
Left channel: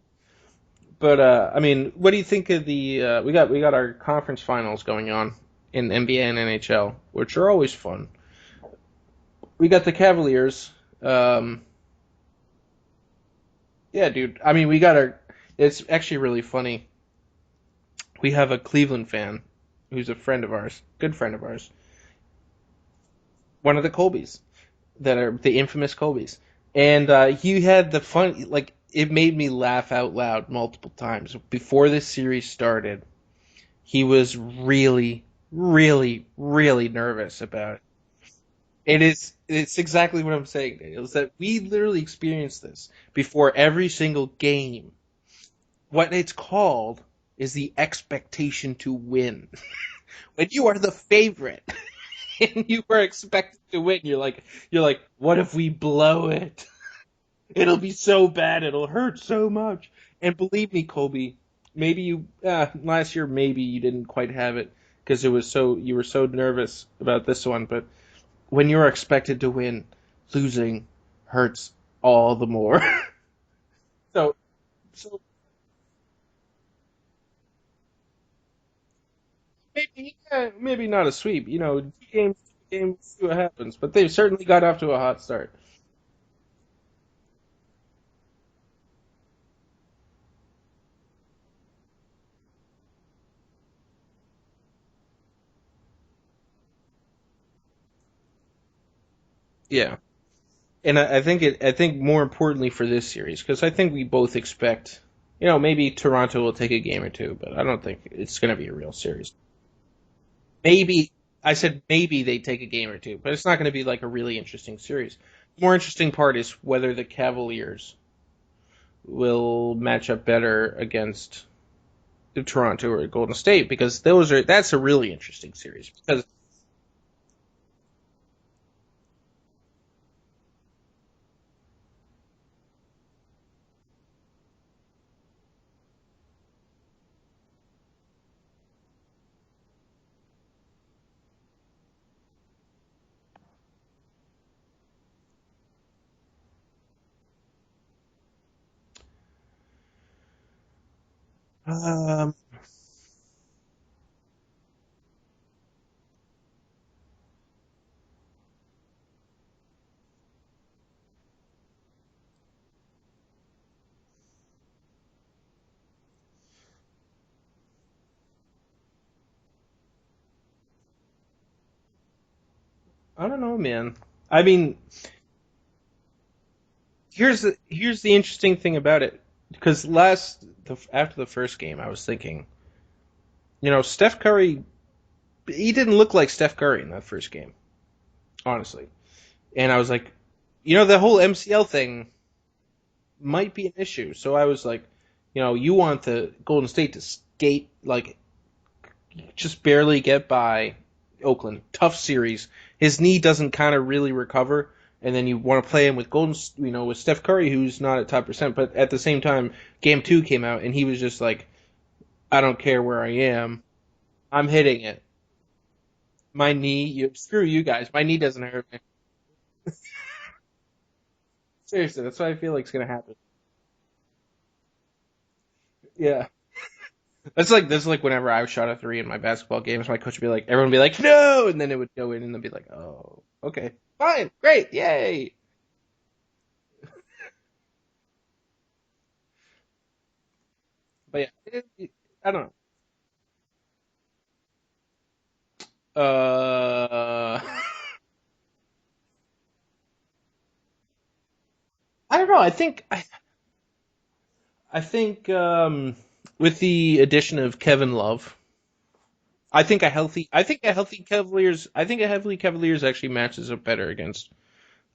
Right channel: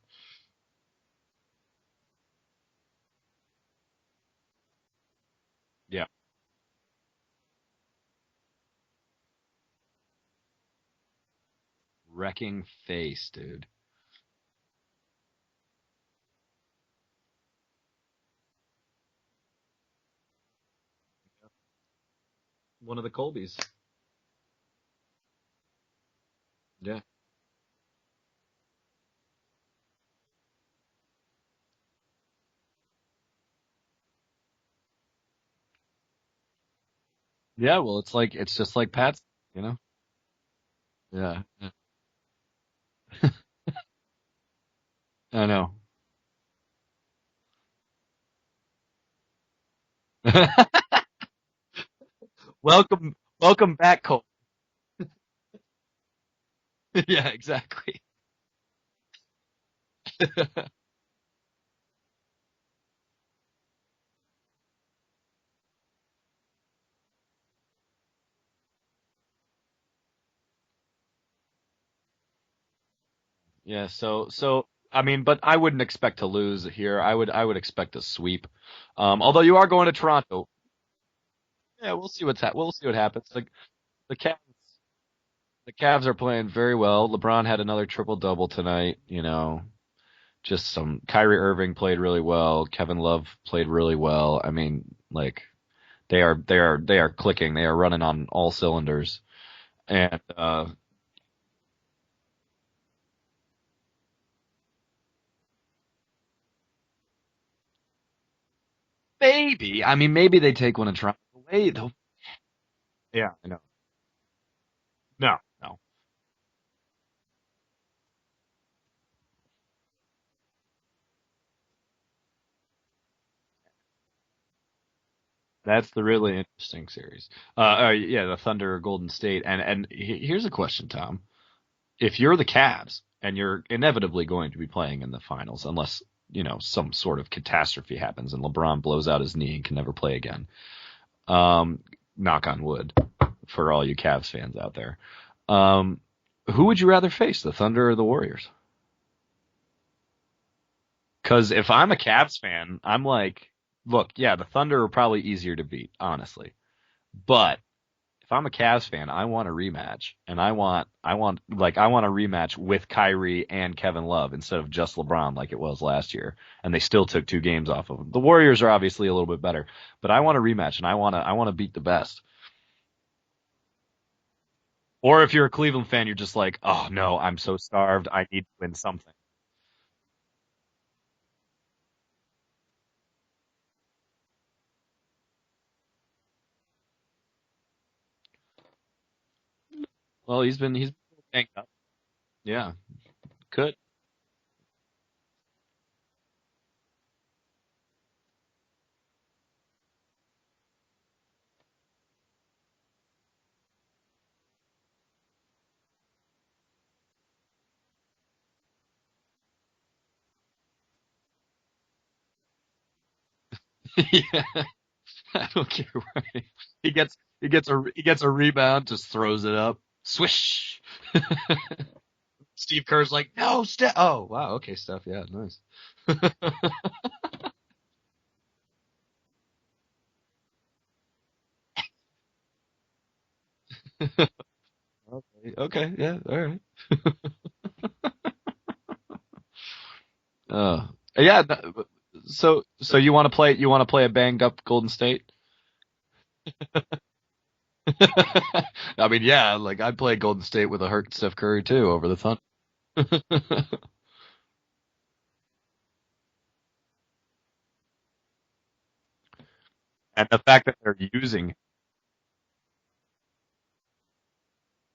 But I mean, what do you think of the? We got our conference finals going on in Yeah. NBA and NHL, which are always fun. We got the Cavaliers. Wrecking face, dude. Yeah, dude. I mean, we got our. It's actually really funny. We have a Cleveland fan who's a friend of ours, good friend of ours, One of the Colbys. one of the Colbys that are the infamous Colbys, and he had the fun. Like, it made me laugh out loud multiple times before this series started. He was really, really, really nervous about Yeah, it. well, it's just like It Pat, is. you It's know? exactly what I'm saying. Daniel, is that Yeah, we yeah. literally experienced this before every single game. I know. What it's called is the expectation to win. When you are the favorite and you are Welcome, expected welcome to win, back, you're like, what if we blow it? Yeah, exactly. It'll be so bad, it'll hurt so much. And believe me, Kobe, maybe you last year maybe you didn't quite have it because you were so nervous about this one, but when you're expected to win, losing hurts all the more. Yeah, so I mean, but I wouldn't expect to lose here. I would expect a sweep. Although you are going to Toronto. Maybe not a sweep, Yeah, we'll see we'll see what happens. But they've The certainly got off to a hot start. The Cavs are playing very well. LeBron had another triple-double tonight, Just some Kyrie Irving played really well. Kevin Love played really well. I mean, like they are clicking. They are running on all cylinders. Yeah. And I think more importantly for this series, because I think we both expect, maybe Toronto will take a game or two, but I don't think it's going to be a real series. maybe. I mean, maybe they take one of Toronto. I said maybe they take a game or two, Yeah. but it's not going to be like a really interesting series. No. The more interesting part is whether the Cavaliers will match up better against the Toronto or Golden State, because that's a really interesting series. That's the really interesting series. Yeah, the Thunder or Golden State. And here's a question, Tom. If you're the Cavs and you're inevitably going to be playing in the finals, unless some sort of catastrophe happens and LeBron blows out his knee and can never play again. Knock on wood for all you Cavs fans out there. Who would you rather face, the Thunder or the Warriors? Because if I'm a Cavs fan, I'm like, look, yeah, the Thunder are probably easier to beat, honestly. But if I'm a Cavs fan, I want a rematch, and I want a rematch with Kyrie and Kevin Love instead of just LeBron like it was last year, and they still took 2 games off of them. The Warriors are obviously a little bit better, but I want a rematch, and I want to beat the best. I don't know, man. I mean, or if you're a Cleveland fan, you're just like, oh no, I'm so starved. Here's the interesting thing about it, because after the first game, I was thinking, Steph Curry, he didn't look like Steph Curry in that first game, honestly. And I was like, well, he's been, the whole MCL thing. Yeah. might be an issue. So I was like, you want the Golden State to skate, like, just barely get by Oakland. Tough series. His knee doesn't kind of really recover, and then you want to play him with with Steph Curry, who's not at top percent. But at the same time, Game 2 came out, and he was just like, I don't care where I am. Yeah. I'm hitting it. I don't care where I am. My knee, screw you guys. My knee gets a doesn't rebound, hurt. just throws it up. Swish. Seriously, that's what I feel like. Steve Kerr's like, no, Steph. Oh, wow. Okay, Steph. Yeah, nice. Yeah. That's like whenever I shot a 3 in my basketball games, my coach would be like, everyone would be like, no, and then it would go in, and they'd be like, oh, okay, fine, great, yay. Okay, yeah, all right. Yeah. So you want to play a banged up Golden State? I mean, yeah, like I'd play Golden State with a hurt Steph Curry too over the phone. I don't know. I think with the addition of Kevin Love, I think a healthy Cavaliers actually matches up better against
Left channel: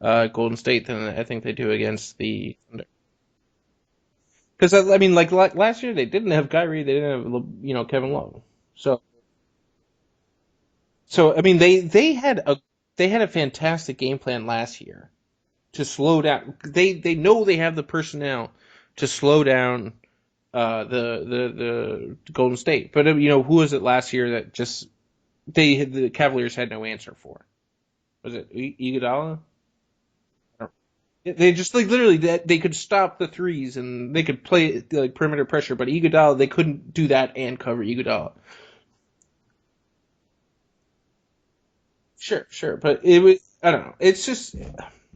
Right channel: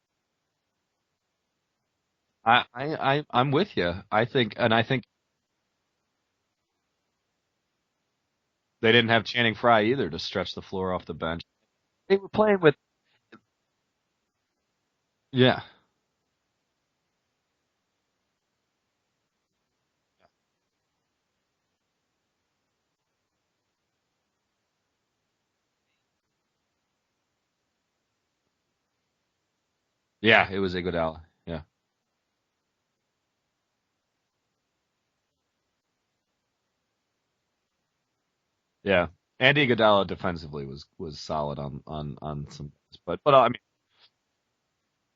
Golden State than I think they do against the. I'm with you. I think because I mean, like last year they didn't have Kyrie, they didn't have Kevin Love. So, they didn't have Channing Frye either to stretch the floor off the. So bench. I mean, they had a fantastic game plan last year. Yeah. To slow down, they know they have the personnel to slow down the Golden State. But who was it last year that just the Cavaliers had no answer for? Was it Iguodala? Yeah, it was Iguodala. They just literally they could stop the threes and they could play like perimeter pressure, but Iguodala, they couldn't do that and cover Iguodala. Yeah, and Iguodala defensively was solid on. Sure, but it was. I don't know. It's just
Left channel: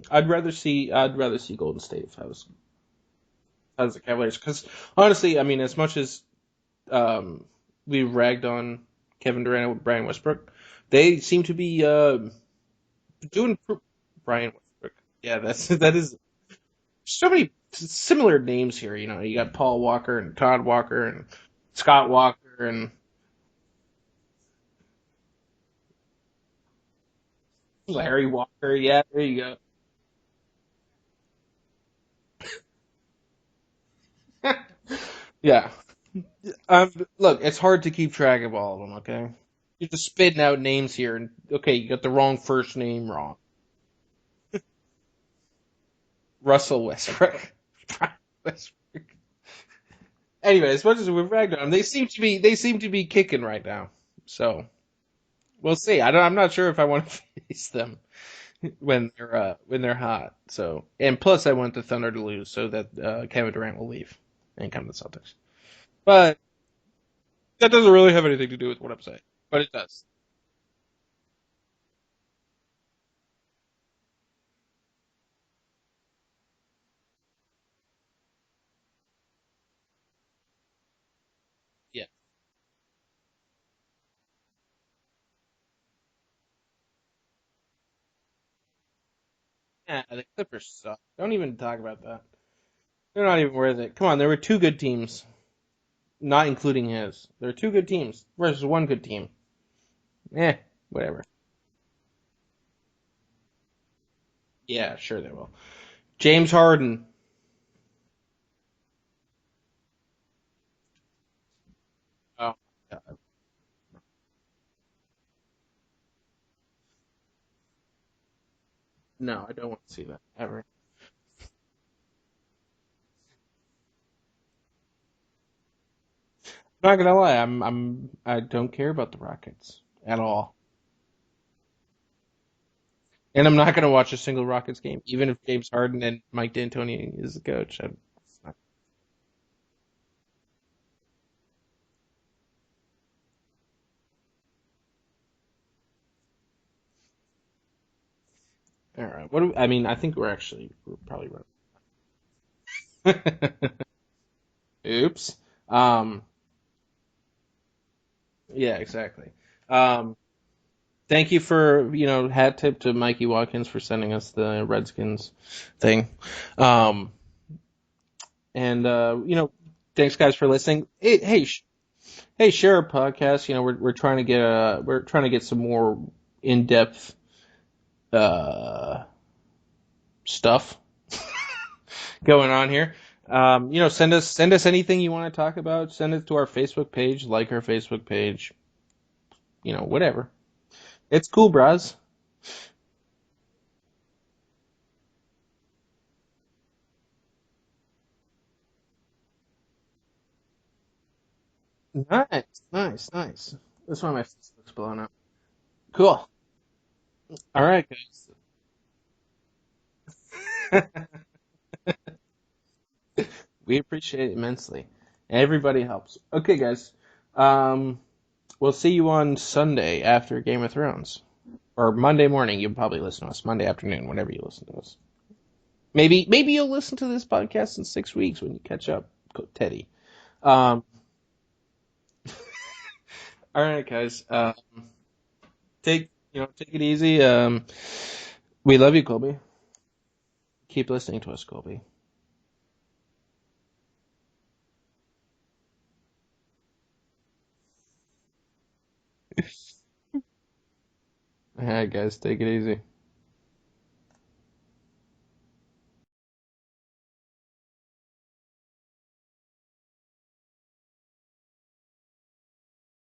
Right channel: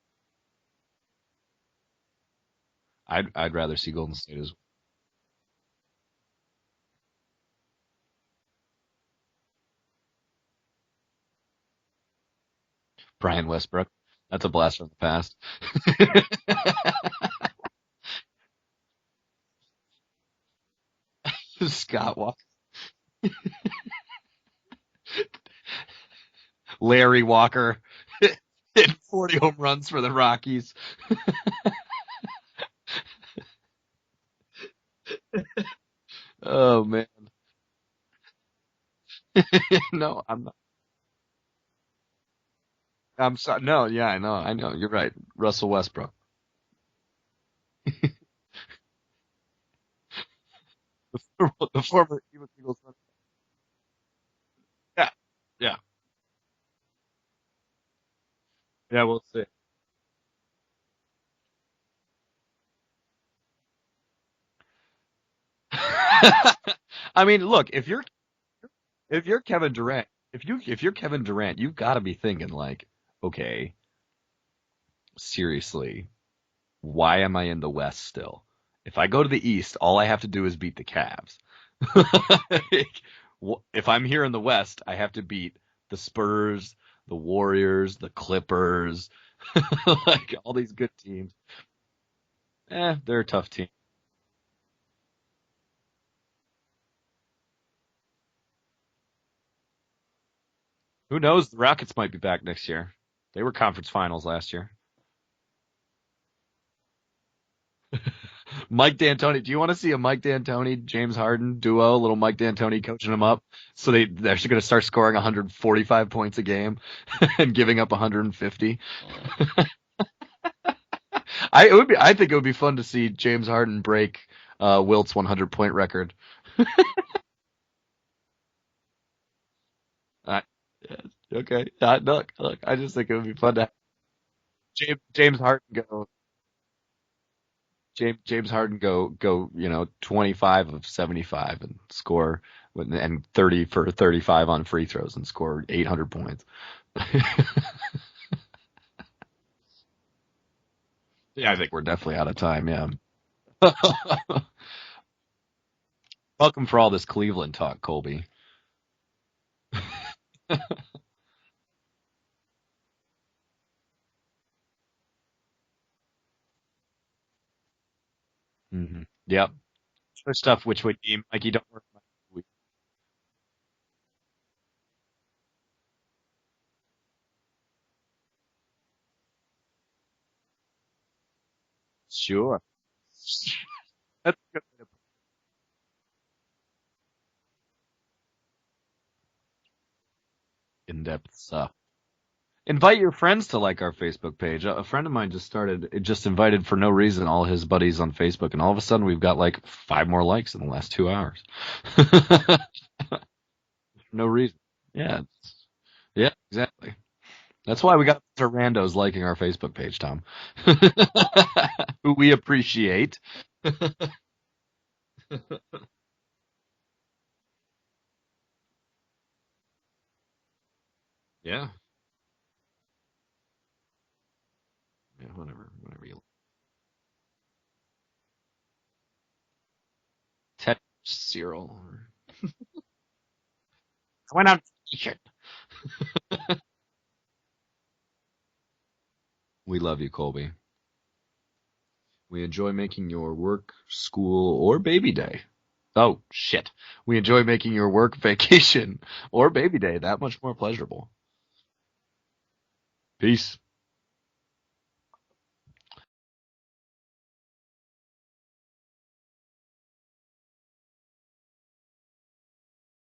I'd rather see Golden State if I was. I'd rather see Golden State because honestly, I mean, as much as we ragged on Kevin Durant and Brian Westbrook, they seem to be Brian Westbrook. That's a blasphemy pass. Yeah, that is. So many similar names here. You got Paul Walker and Todd Walker and Scott Walker and Larry Walker. Yeah. 40 home runs for the Rockies. Yeah. Man. Look, it's hard to keep track of all of them, okay? You're just spitting out names here, and okay, you got the wrong first name wrong. I'm sorry. No, yeah, I know. You're right. Russell Westbrook. Anyway, as much as we've ragged on them, they seem to be kicking right now. So yeah. We'll see. I'm not sure if I want to face them when they're hot. So, and plus, I want the Thunder to lose so that Kevin Durant will leave and come to the Celtics. I mean, look, that doesn't really have anything to do with what I'm saying. If you're Kevin Durant, if you're Kevin Durant, you've got to be thinking like, okay, seriously, why am I in the West still? If I go to the East, all I have to do is beat the Cavs. If I'm here in the West, I have to beat the Spurs, the Warriors, the Clippers, like all these good teams. Don't even talk about that. They're not tough even worth it. Come on, there were 2 good teams, not including his. There are 2 good teams versus 1 good team. Whatever. Who knows? The Rockets might be back next year. They were conference finals last year. Yeah, sure they will. James Harden. Mike D'Antoni. Do you want to see a Mike D'Antoni, James Harden duo? Little Mike D'Antoni coaching them up. So they're actually going to start scoring 145 points a game and giving up 150. No, I don't want to see that ever. I think it would be fun to see James Harden break Wilt's 100-point record. I'm not gonna lie, I don't care about the Rockets at all. Okay. Look, I just think it would be fun. And I'm not gonna watch a single Rockets game. James Harden and Mike D'Antoni is the coach. James Harden go 25 of 75 and score and 30 for 35 on free throws and score 800 points. All right. I think we're probably right. Yeah, I think we're definitely out of time. Yeah. Oops. Welcome for all this Cleveland talk, Colby. Yeah, exactly. Thank you for hat tip to Mikey Watkins for sending us the Redskins thing. And thanks guys for listening. Hey, share our podcast. We're trying to get some more in-depth stuff. going on here. Send us anything you want to talk about. Send it to our Facebook page. Like our Facebook page. Whatever. It's cool, bros. Invite your friends to like our Facebook page. A friend of mine just invited for no reason all his buddies on Facebook, and all of a sudden we've got like 5 more likes in the last 2 hours. Nice. That's why my No reason. Facebook's blowing Yeah. up. Cool. Yeah, exactly. All right. That's why we got the randos liking our Facebook page, Tom. Who we appreciate. We appreciate it immensely. Everybody helps. Okay, guys. We'll see you on Sunday after Game of Thrones. Yeah. Or Monday morning. You'll probably listen to us. Monday afternoon, whenever you listen to us. Yeah, whatever. Maybe you'll listen to this podcast in 6 weeks when you catch up, Teddy. Cyril. All right, guys. Why not? Take it easy. We love you, Colby. We love you, Colby. Keep listening to us, Colby. We enjoy making your work, school, or baby day. Oh, shit. We enjoy making your work, vacation, or baby day that much more pleasurable. All right, guys. Take it easy. Peace.